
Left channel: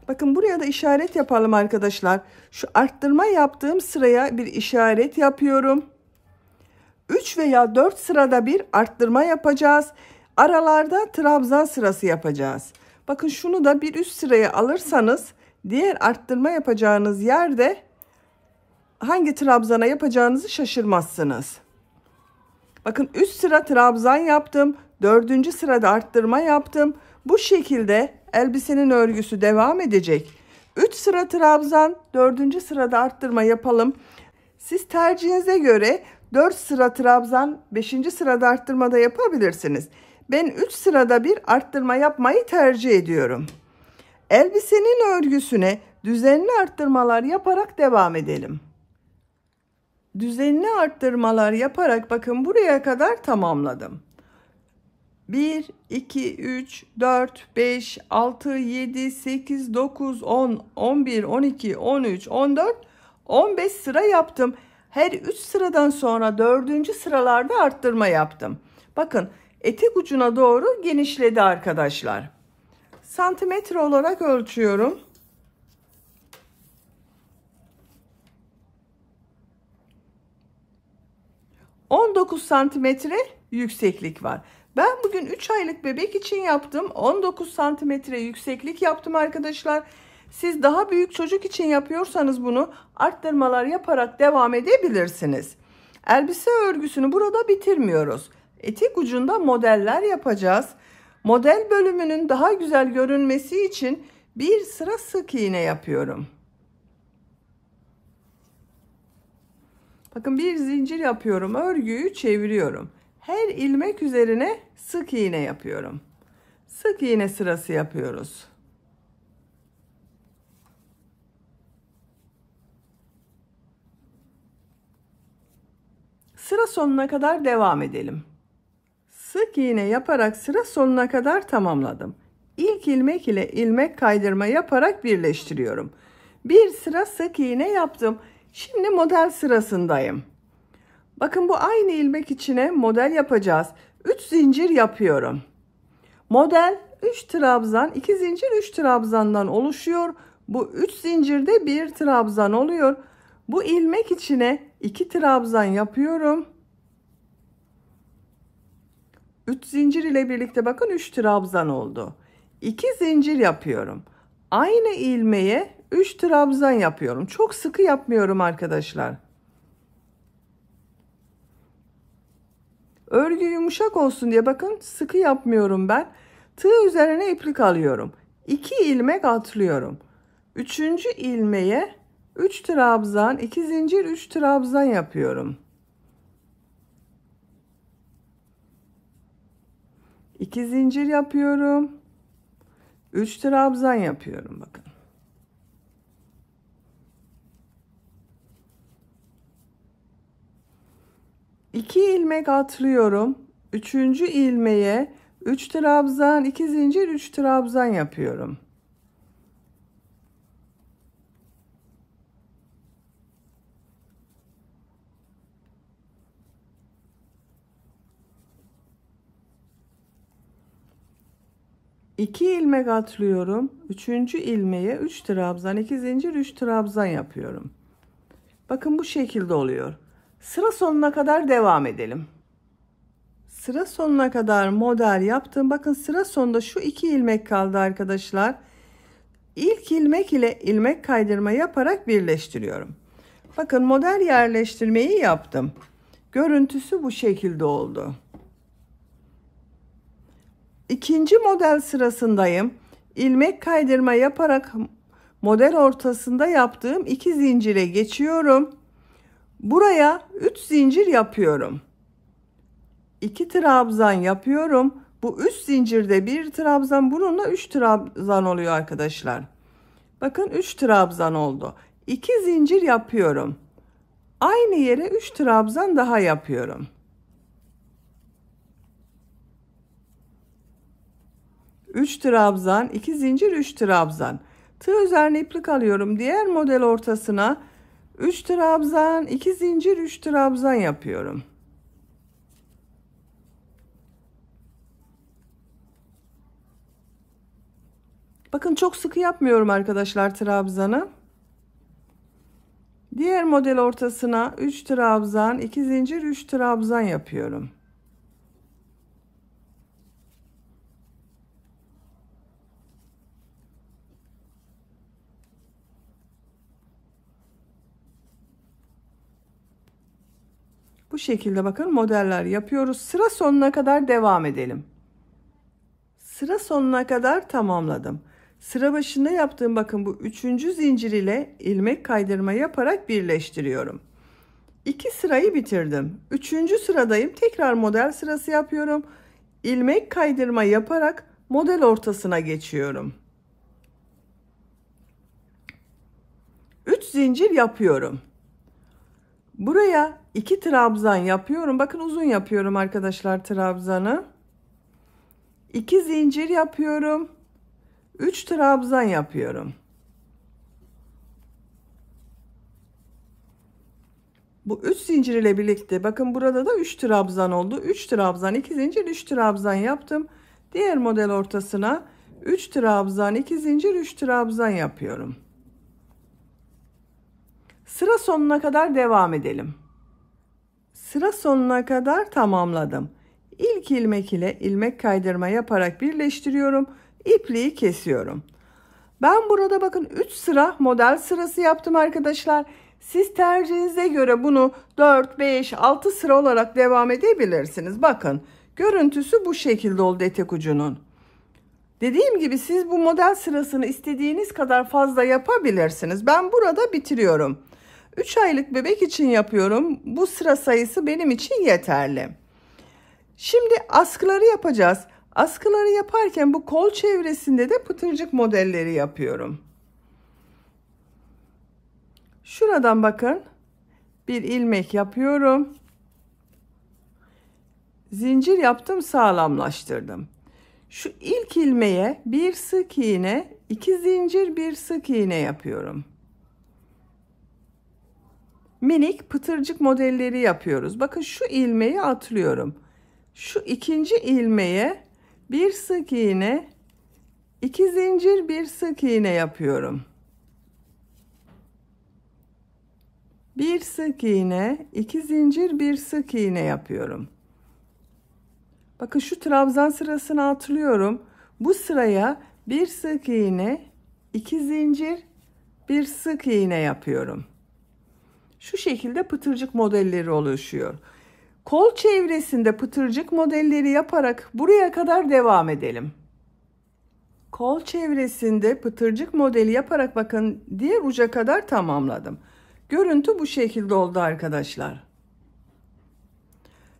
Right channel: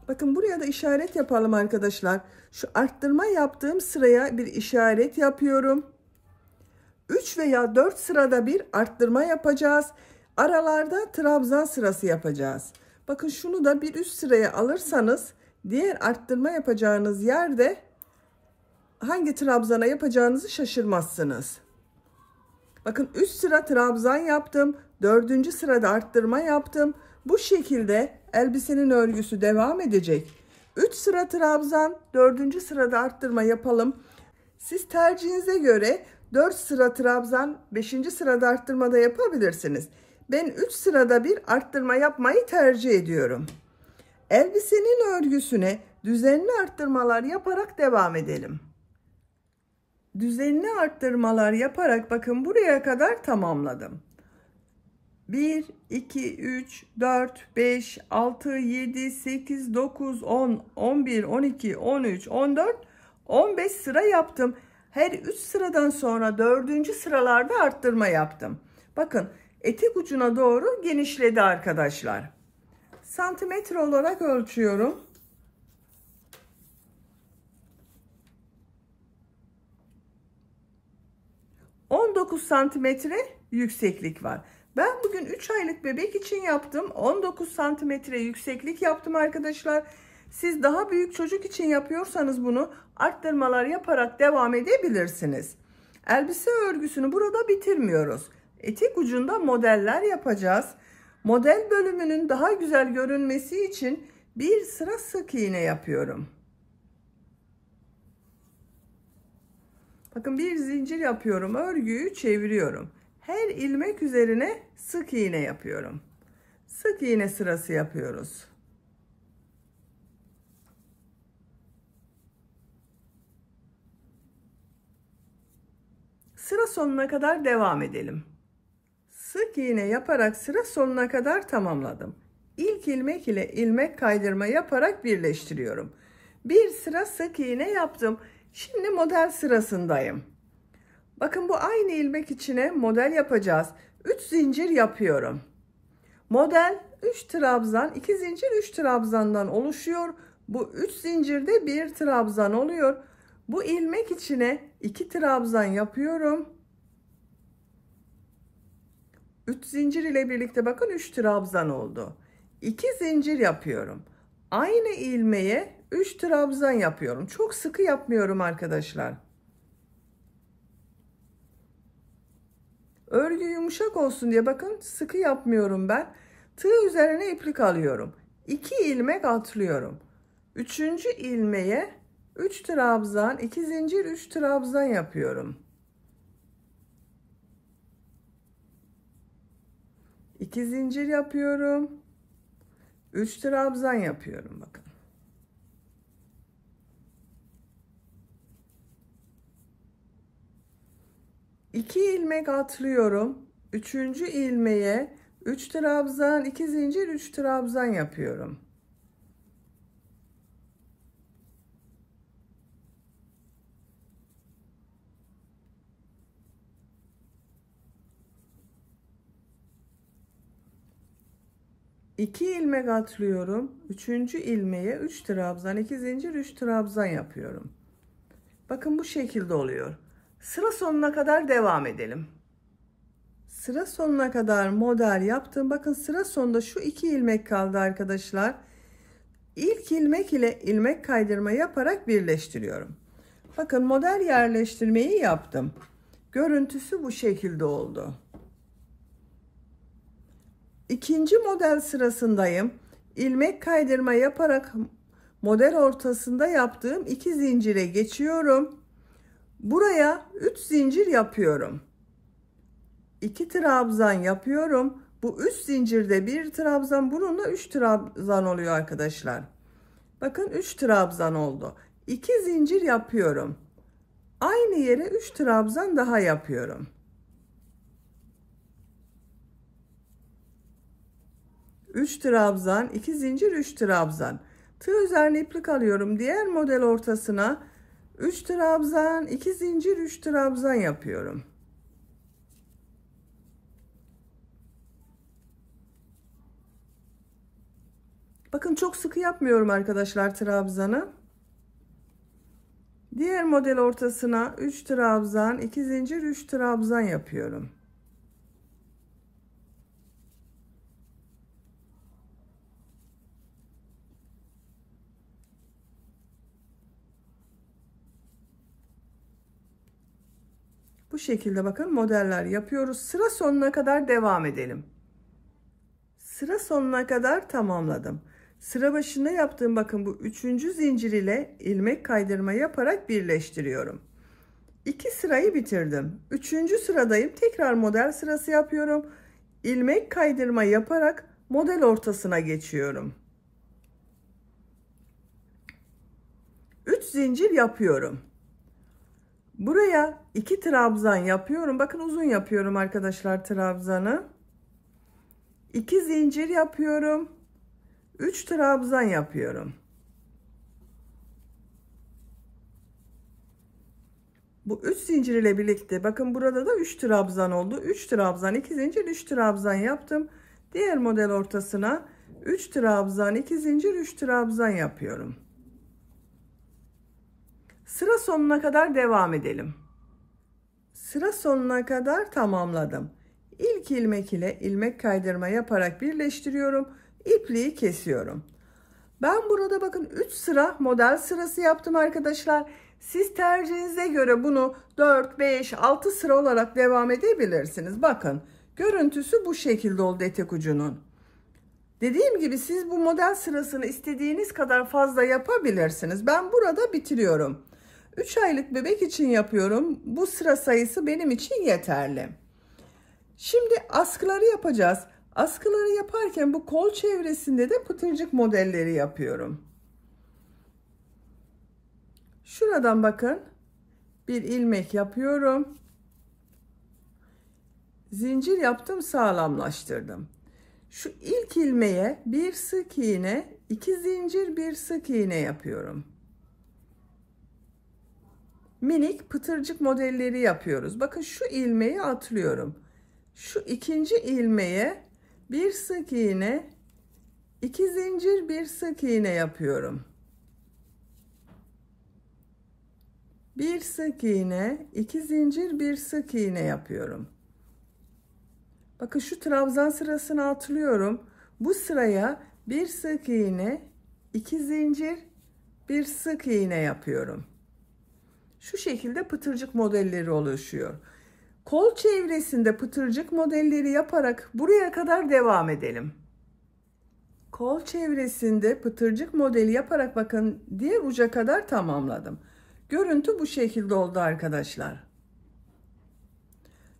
Bakın buraya da işaret yapalım arkadaşlar. Şu arttırma yaptığım sıraya bir işaret yapıyorum. 3 veya 4 sırada bir arttırma yapacağız. Aralarda trabzan sırası yapacağız. Bakın şunu da bir üst sıraya alırsanız diğer arttırma yapacağınız yerde hangi trabzana yapacağınızı şaşırmazsınız. Bakın üst sıra trabzan yaptım. 4. sırada arttırma yaptım. Bu şekilde elbisenin örgüsü devam edecek. 3 sıra trabzan, 4. sırada arttırma yapalım. Siz tercihinize göre 4 sıra trabzan, 5. sırada arttırma da yapabilirsiniz. Ben 3 sırada bir arttırma yapmayı tercih ediyorum. Elbisenin örgüsüne düzenli arttırmalar yaparak devam edelim. Düzenli arttırmalar yaparak bakın buraya kadar tamamladım. 1, 2, 3, 4, 5, 6, 7, 8, 9, 10, 11, 12, 13, 14, 15 sıra yaptım. Her 3 sıradan sonra 4. sıralarda arttırma yaptım. Bakın etek ucuna doğru genişledi arkadaşlar. Santimetre olarak ölçüyorum. 19 santimetre yükseklik var. Ben bugün 3 aylık bebek için yaptım. 19 santimetre yükseklik yaptım arkadaşlar. Siz daha büyük çocuk için yapıyorsanız bunu arttırmalar yaparak devam edebilirsiniz. Elbise örgüsünü burada bitirmiyoruz. Etek ucunda modeller yapacağız. Model bölümünün daha güzel görünmesi için bir sıra sık iğne yapıyorum. Bakın bir zincir yapıyorum, örgüyü çeviriyorum. Her ilmek üzerine sık iğne yapıyorum. Sık iğne sırası yapıyoruz. Sıra sonuna kadar devam edelim. Sık iğne yaparak sıra sonuna kadar tamamladım. İlk ilmek ile ilmek kaydırma yaparak birleştiriyorum. Bir sıra sık iğne yaptım. Şimdi model sırasındayım. Bakın bu aynı ilmek içine model yapacağız. 3 zincir yapıyorum. Model 3 trabzan, 2 zincir 3 trabzandan oluşuyor. Bu 3 zincirde 1 trabzan oluyor. Bu ilmek içine 2 trabzan yapıyorum. 3 zincir ile birlikte bakın 3 trabzan oldu. 2 zincir yapıyorum. Aynı ilmeğe 3 trabzan yapıyorum. Çok sıkı yapmıyorum arkadaşlar. Örgü yumuşak olsun diye bakın sıkı yapmıyorum ben. Tığ üzerine iplik alıyorum. 2 ilmek atlıyorum. 3. ilmeğe 3 trabzan, 2 zincir, 3 trabzan yapıyorum. 2 zincir yapıyorum. 3 trabzan yapıyorum bakın. İki ilmek atlıyorum. 3. ilmeğe 3 trabzan, 2 zincir, 3 trabzan yapıyorum. İki ilmek atlıyorum. 3. ilmeğe 3 trabzan, 2 zincir, 3 trabzan yapıyorum. Bakın bu şekilde oluyor. Sıra sonuna kadar devam edelim. Sıra sonuna kadar model yaptım. Bakın sıra sonunda şu 2 ilmek kaldı arkadaşlar. İlk ilmek ile ilmek kaydırma yaparak birleştiriyorum. Bakın model yerleştirmeyi yaptım. Görüntüsü bu şekilde oldu. İkinci model sırasındayım. İlmek kaydırma yaparak model ortasında yaptığım 2 zincire geçiyorum. Buraya 3 zincir yapıyorum. 2 trabzan yapıyorum. Bu 3 zincirde 1 trabzan, bununla 3 trabzan oluyor arkadaşlar. Bakın 3 trabzan oldu. 2 zincir yapıyorum. Aynı yere 3 trabzan daha yapıyorum. 3 trabzan, 2 zincir, 3 trabzan. Tığ üzerine iplik alıyorum. Diğer model ortasına 3 trabzan, 2 zincir, 3 trabzan yapıyorum. Bakın çok sıkı yapmıyorum arkadaşlar trabzanı. Diğer model ortasına 3 trabzan, 2 zincir, 3 trabzan yapıyorum. Bu şekilde bakın modeller yapıyoruz. Sıra sonuna kadar devam edelim. Sıra sonuna kadar tamamladım. Sıra başında yaptığım bakın bu 3. zincir ile ilmek kaydırma yaparak birleştiriyorum. 2 sırayı bitirdim. 3. sıradayım. Tekrar model sırası yapıyorum. İlmek kaydırma yaparak model ortasına geçiyorum. 3 zincir yapıyorum. Buraya 2 trabzan yapıyorum. Bakın uzun yapıyorum arkadaşlar trabzanı. 2 zincir yapıyorum. 3 trabzan yapıyorum. Bu 3 zincir ile birlikte bakın burada da 3 trabzan oldu. 3 trabzan, 2 zincir, 3 trabzan yaptım. Diğer model ortasına 3 trabzan, 2 zincir, 3 trabzan yapıyorum. Sıra sonuna kadar devam edelim. Sıra sonuna kadar tamamladım. İlk ilmek ile ilmek kaydırma yaparak birleştiriyorum. İpliği kesiyorum. Ben burada bakın 3 sıra model sırası yaptım arkadaşlar. Siz tercihinize göre bunu 4, 5, 6 sıra olarak devam edebilirsiniz. Bakın görüntüsü bu şekilde oldu etek ucunun. Dediğim gibi siz bu model sırasını istediğiniz kadar fazla yapabilirsiniz. Ben burada bitiriyorum. 3 aylık bebek için yapıyorum. Bu sıra sayısı benim için yeterli. Şimdi askıları yapacağız. Askıları yaparken bu kol çevresinde de pıtırcık modelleri yapıyorum. Şuradan bakın bir ilmek yapıyorum. Zincir yaptım, sağlamlaştırdım. Şu ilk ilmeğe bir sık iğne, 2 zincir, bir sık iğne yapıyorum. Minik pıtırcık modelleri yapıyoruz. Bakın şu ilmeği atlıyorum. Şu ikinci ilmeğe bir sık iğne, 2 zincir, bir sık iğne yapıyorum. Bir sık iğne, 2 zincir, bir sık iğne yapıyorum. Bakın şu trabzan sırasını atlıyorum. Bu sıraya bir sık iğne, 2 zincir, bir sık iğne yapıyorum. Şu şekilde pıtırcık modelleri oluşuyor. Kol çevresinde pıtırcık modelleri yaparak buraya kadar devam edelim. Kol çevresinde pıtırcık modeli yaparak bakın diğer uca kadar tamamladım. Görüntü bu şekilde oldu arkadaşlar.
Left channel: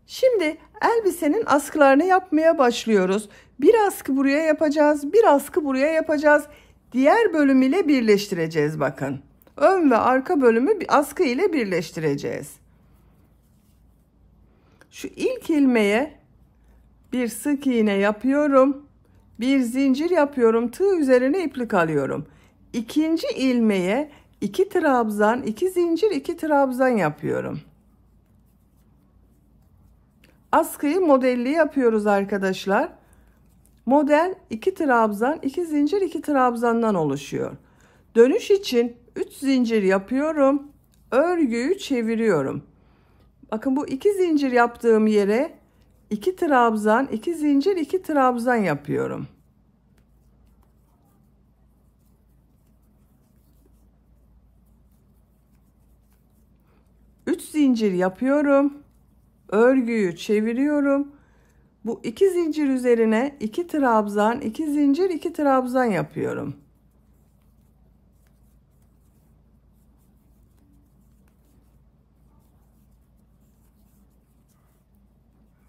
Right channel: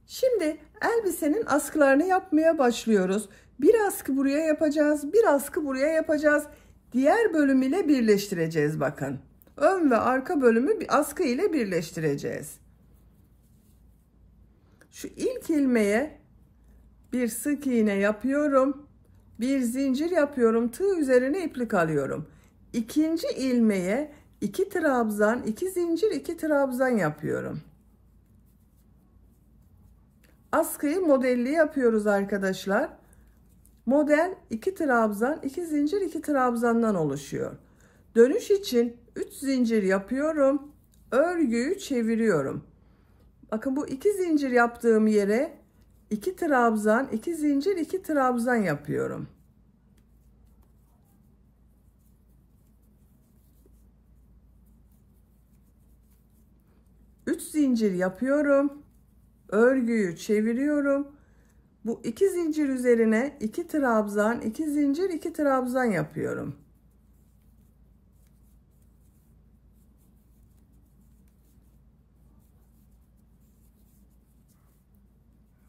Şimdi elbisenin askılarını yapmaya başlıyoruz. Bir askı buraya yapacağız, bir askı buraya yapacağız. Diğer bölüm ile birleştireceğiz bakın. Ön ve arka bölümü bir askı ile birleştireceğiz. Şu ilk ilmeğe bir sık iğne yapıyorum. Bir zincir yapıyorum. Tığ üzerine iplik alıyorum. İkinci ilmeğe 2 trabzan, 2 zincir, 2 trabzan yapıyorum. Askıyı modelli yapıyoruz arkadaşlar. Model 2 trabzan, 2 zincir, 2 trabzandan oluşuyor. Dönüş için 3 zincir yapıyorum. Örgüyü çeviriyorum. Bakın bu 2 zincir yaptığım yere 2 trabzan, 2 zincir, 2 trabzan yapıyorum. Üç zincir yapıyorum. Örgüyü çeviriyorum. Bu 2 zincir üzerine 2 trabzan, 2 zincir, 2 trabzan yapıyorum.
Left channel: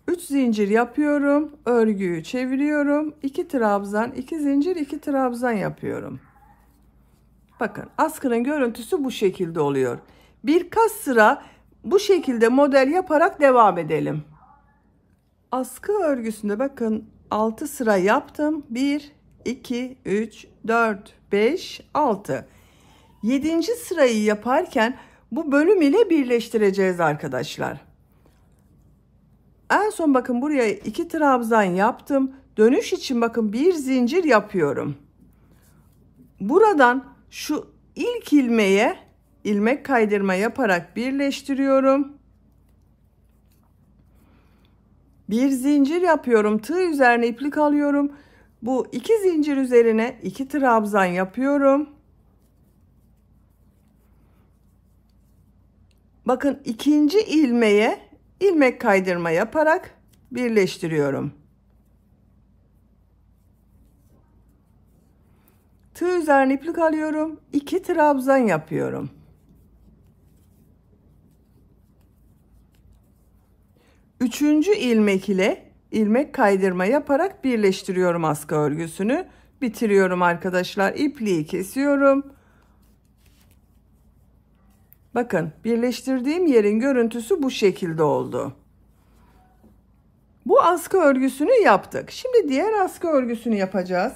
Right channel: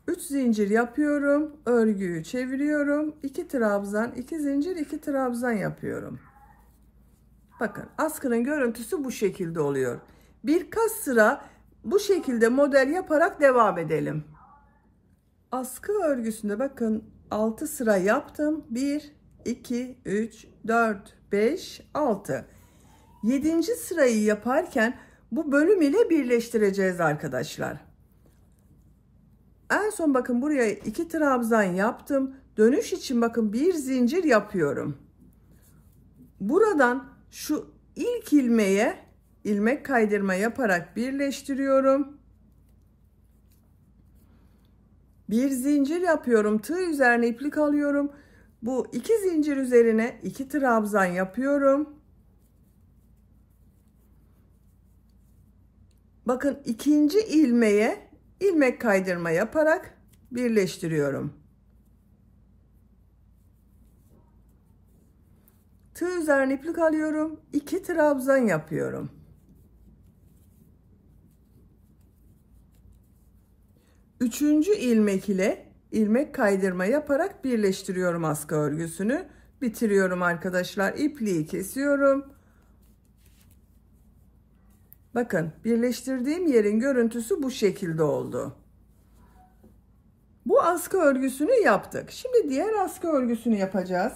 Üç zincir yapıyorum. Örgüyü çeviriyorum. 2 trabzan, 2 zincir, 2 trabzan yapıyorum. Bakın askının görüntüsü bu şekilde oluyor. Birkaç sıra bu şekilde model yaparak devam edelim. Askı örgüsünde bakın 6 sıra yaptım. 1, 2, 3, 4, 5, 6. 7. sırayı yaparken bu bölüm ile birleştireceğiz arkadaşlar. En son bakın buraya 2 trabzan yaptım. Dönüş için bakın bir zincir yapıyorum. Buradan şu ilk ilmeğe ilmek kaydırma yaparak birleştiriyorum. Bir zincir yapıyorum. Tığ üzerine iplik alıyorum. Bu 2 zincir üzerine 2 trabzan yapıyorum. Bakın ikinci ilmeğe ilmek kaydırma yaparak birleştiriyorum. Tığ üzerine iplik alıyorum. 2 trabzan yapıyorum. Üçüncü ilmek ile ilmek kaydırma yaparak birleştiriyorum askı örgüsünü. Bitiriyorum arkadaşlar. İpliği kesiyorum. Bakın birleştirdiğim yerin görüntüsü bu şekilde oldu. Bu askı örgüsünü yaptık. Şimdi diğer askı örgüsünü yapacağız.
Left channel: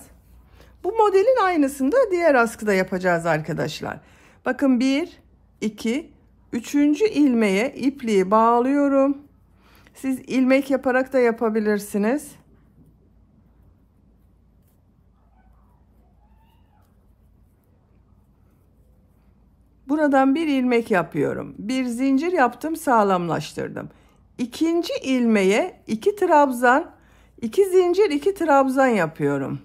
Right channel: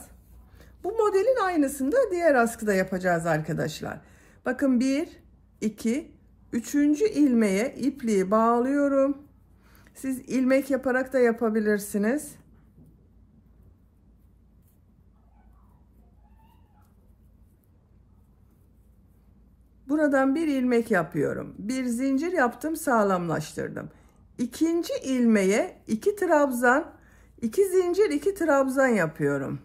Bu modelin aynısını da diğer askıda yapacağız arkadaşlar. Bakın 1, 2, 3. ilmeğe ipliği bağlıyorum. Siz ilmek yaparak da yapabilirsiniz. Buradan bir ilmek yapıyorum. Bir zincir yaptım, sağlamlaştırdım. İkinci ilmeğe 2 trabzan, 2 zincir, 2 trabzan yapıyorum.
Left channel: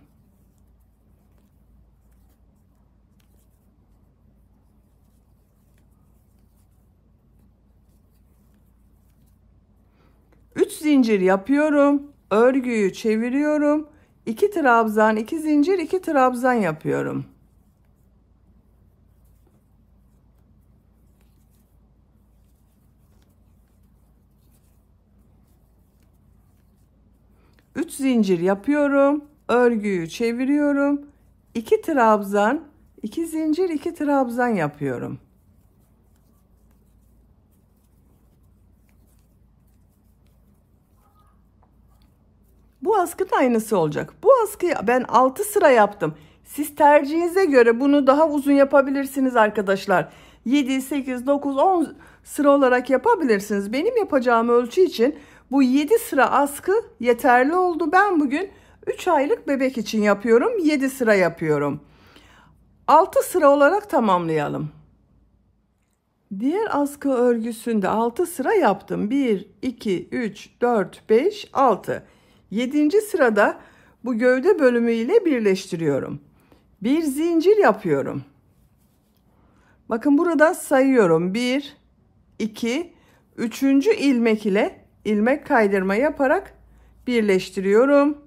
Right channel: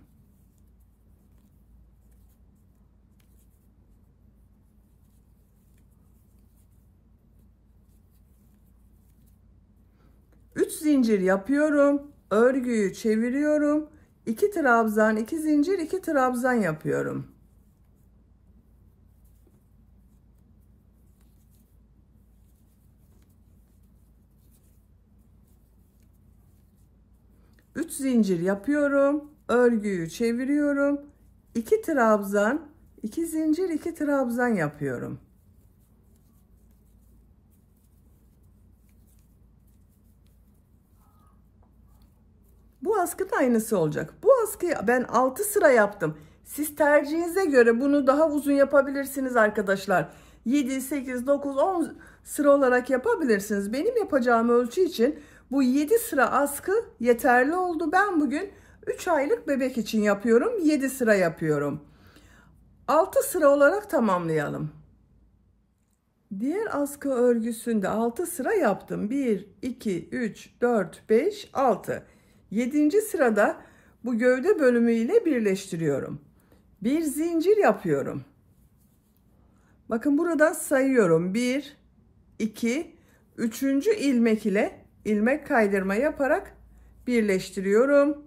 zincir yapıyorum. Örgüyü çeviriyorum. 2 trabzan, 2 zincir, 2 trabzan yapıyorum. Üç zincir yapıyorum. Örgüyü çeviriyorum. 2 trabzan, 2 zincir, 2 trabzan yapıyorum. Bu askı da aynısı olacak. Bu askıyı ben 6 sıra yaptım. Siz tercihinize göre bunu daha uzun yapabilirsiniz arkadaşlar. 7, 8, 9, 10 sıra olarak yapabilirsiniz. Benim yapacağım ölçü için bu 7 sıra askı yeterli oldu. Ben bugün 3 aylık bebek için yapıyorum. 7 sıra yapıyorum. 6 sıra olarak tamamlayalım. Diğer askı örgüsünde 6 sıra yaptım. 1, 2, 3, 4, 5, 6. 7. sırada bu gövde bölümü ile birleştiriyorum. Bir zincir yapıyorum. Bakın burada sayıyorum. 1, 2, 3. ilmek ile ilmek kaydırma yaparak birleştiriyorum.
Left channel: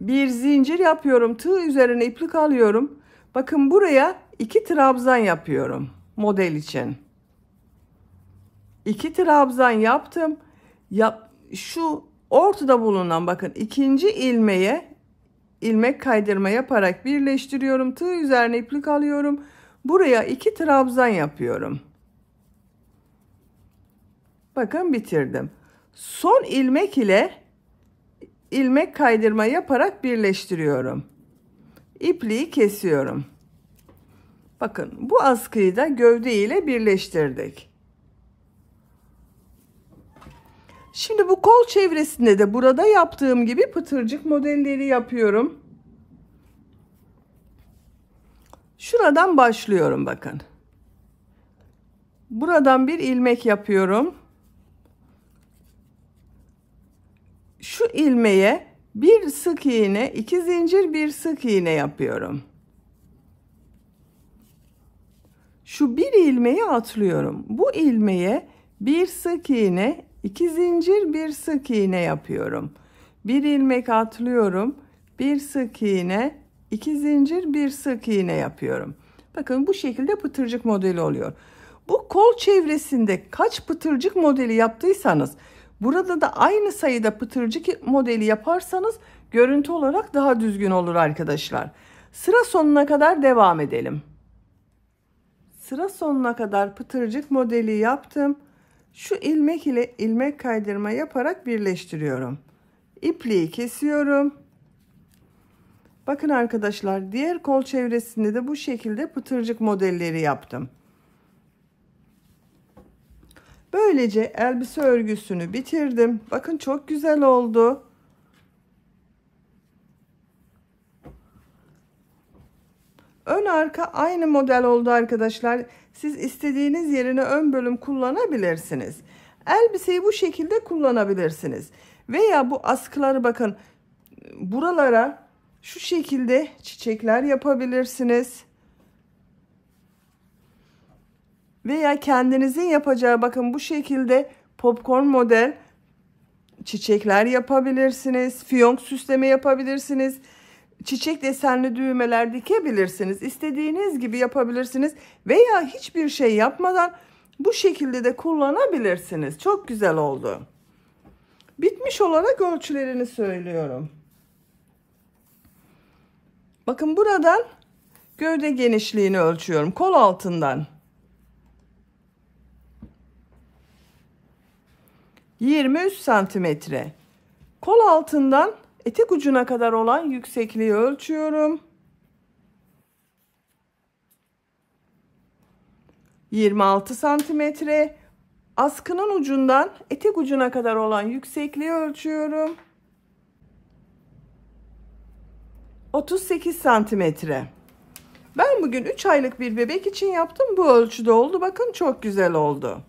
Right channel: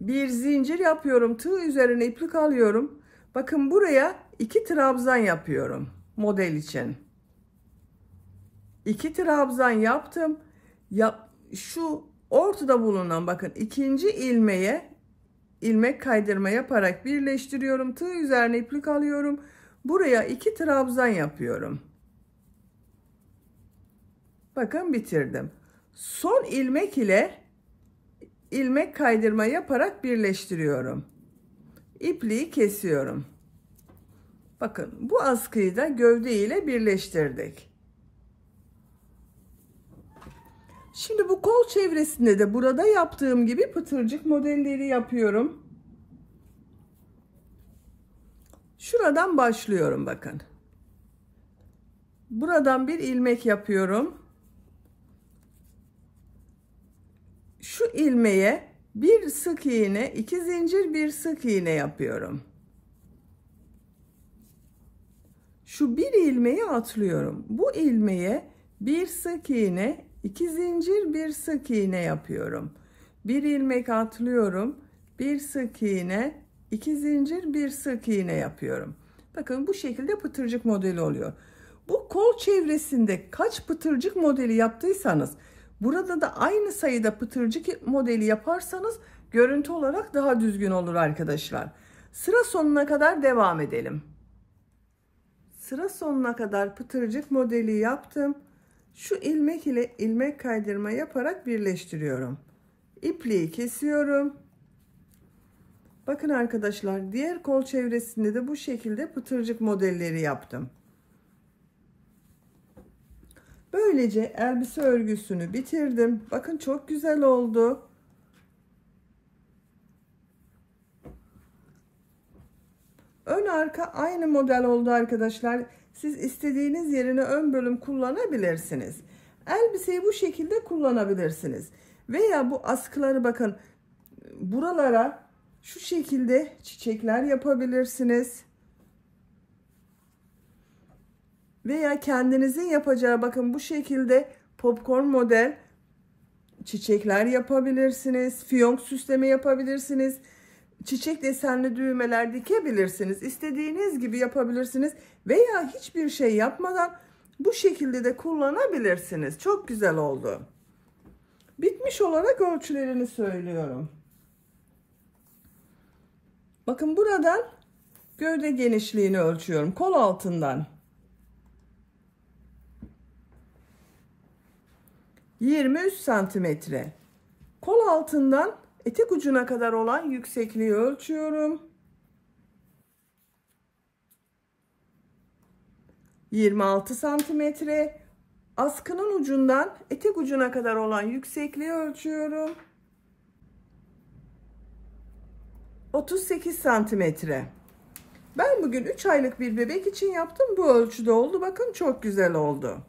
Bir zincir yapıyorum. Tığ üzerine iplik alıyorum. Bakın buraya 2 trabzan yapıyorum model için. 2 trabzan yaptım. Şu ortada bulunan bakın ikinci ilmeğe ilmek kaydırma yaparak birleştiriyorum. Tığ üzerine iplik alıyorum. Buraya 2 trabzan yapıyorum. Bakın bitirdim. Son ilmek ile ilmek kaydırma yaparak birleştiriyorum. İpliği kesiyorum. Bakın bu askıyı da gövde ile birleştirdik. Şimdi bu kol çevresinde de burada yaptığım gibi pıtırcık modelleri yapıyorum. Şuradan başlıyorum bakın. Buradan bir ilmek yapıyorum. Şu ilmeğe bir sık iğne, 2 zincir, bir sık iğne yapıyorum. Şu bir ilmeği atlıyorum. Bu ilmeğe bir sık iğne, 2 zincir, bir sık iğne yapıyorum. Bir ilmek atlıyorum. Bir sık iğne, 2 zincir, bir sık iğne yapıyorum. Bakın bu şekilde pıtırcık modeli oluyor. Bu kol çevresinde kaç pıtırcık modeli yaptıysanız burada da aynı sayıda pıtırcık modeli yaparsanız görüntü olarak daha düzgün olur arkadaşlar. Sıra sonuna kadar devam edelim. Sıra sonuna kadar pıtırcık modeli yaptım. Şu ilmek ile ilmek kaydırma yaparak birleştiriyorum. İpliği kesiyorum. Bakın arkadaşlar diğer kol çevresinde de bu şekilde pıtırcık modelleri yaptım. Böylece elbise örgüsünü bitirdim. Bakın çok güzel oldu. Ön arka aynı model oldu arkadaşlar. Siz istediğiniz yerine ön bölüm kullanabilirsiniz. Elbiseyi bu şekilde kullanabilirsiniz. Veya bu askıları bakın buralara şu şekilde çiçekler yapabilirsiniz. Veya kendinizin yapacağı bakın bu şekilde popcorn model çiçekler yapabilirsiniz. Fiyonk süsleme yapabilirsiniz. Çiçek desenli düğmeler dikebilirsiniz. İstediğiniz gibi yapabilirsiniz. Veya hiçbir şey yapmadan bu şekilde de kullanabilirsiniz. Çok güzel oldu. Bitmiş olarak ölçülerini söylüyorum. Bakın buradan gövde genişliğini ölçüyorum. Kol altından 23 santimetre. Kol altından etek ucuna kadar olan yüksekliği ölçüyorum. 26 santimetre. Askının ucundan etek ucuna kadar olan yüksekliği ölçüyorum. 38 santimetre. Ben bugün 3 aylık bir bebek için yaptım. Bu ölçüde oldu. Bakın çok güzel oldu.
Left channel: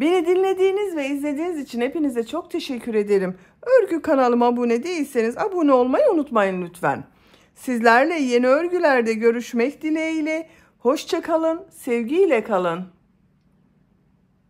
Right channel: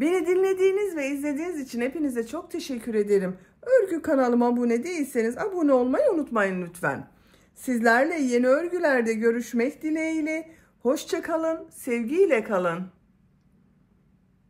Beni dinlediğiniz ve izlediğiniz için hepinize çok teşekkür ederim. Örgü kanalıma abone değilseniz abone olmayı unutmayın lütfen. Sizlerle yeni örgülerde görüşmek dileğiyle. Hoşça kalın, sevgiyle kalın.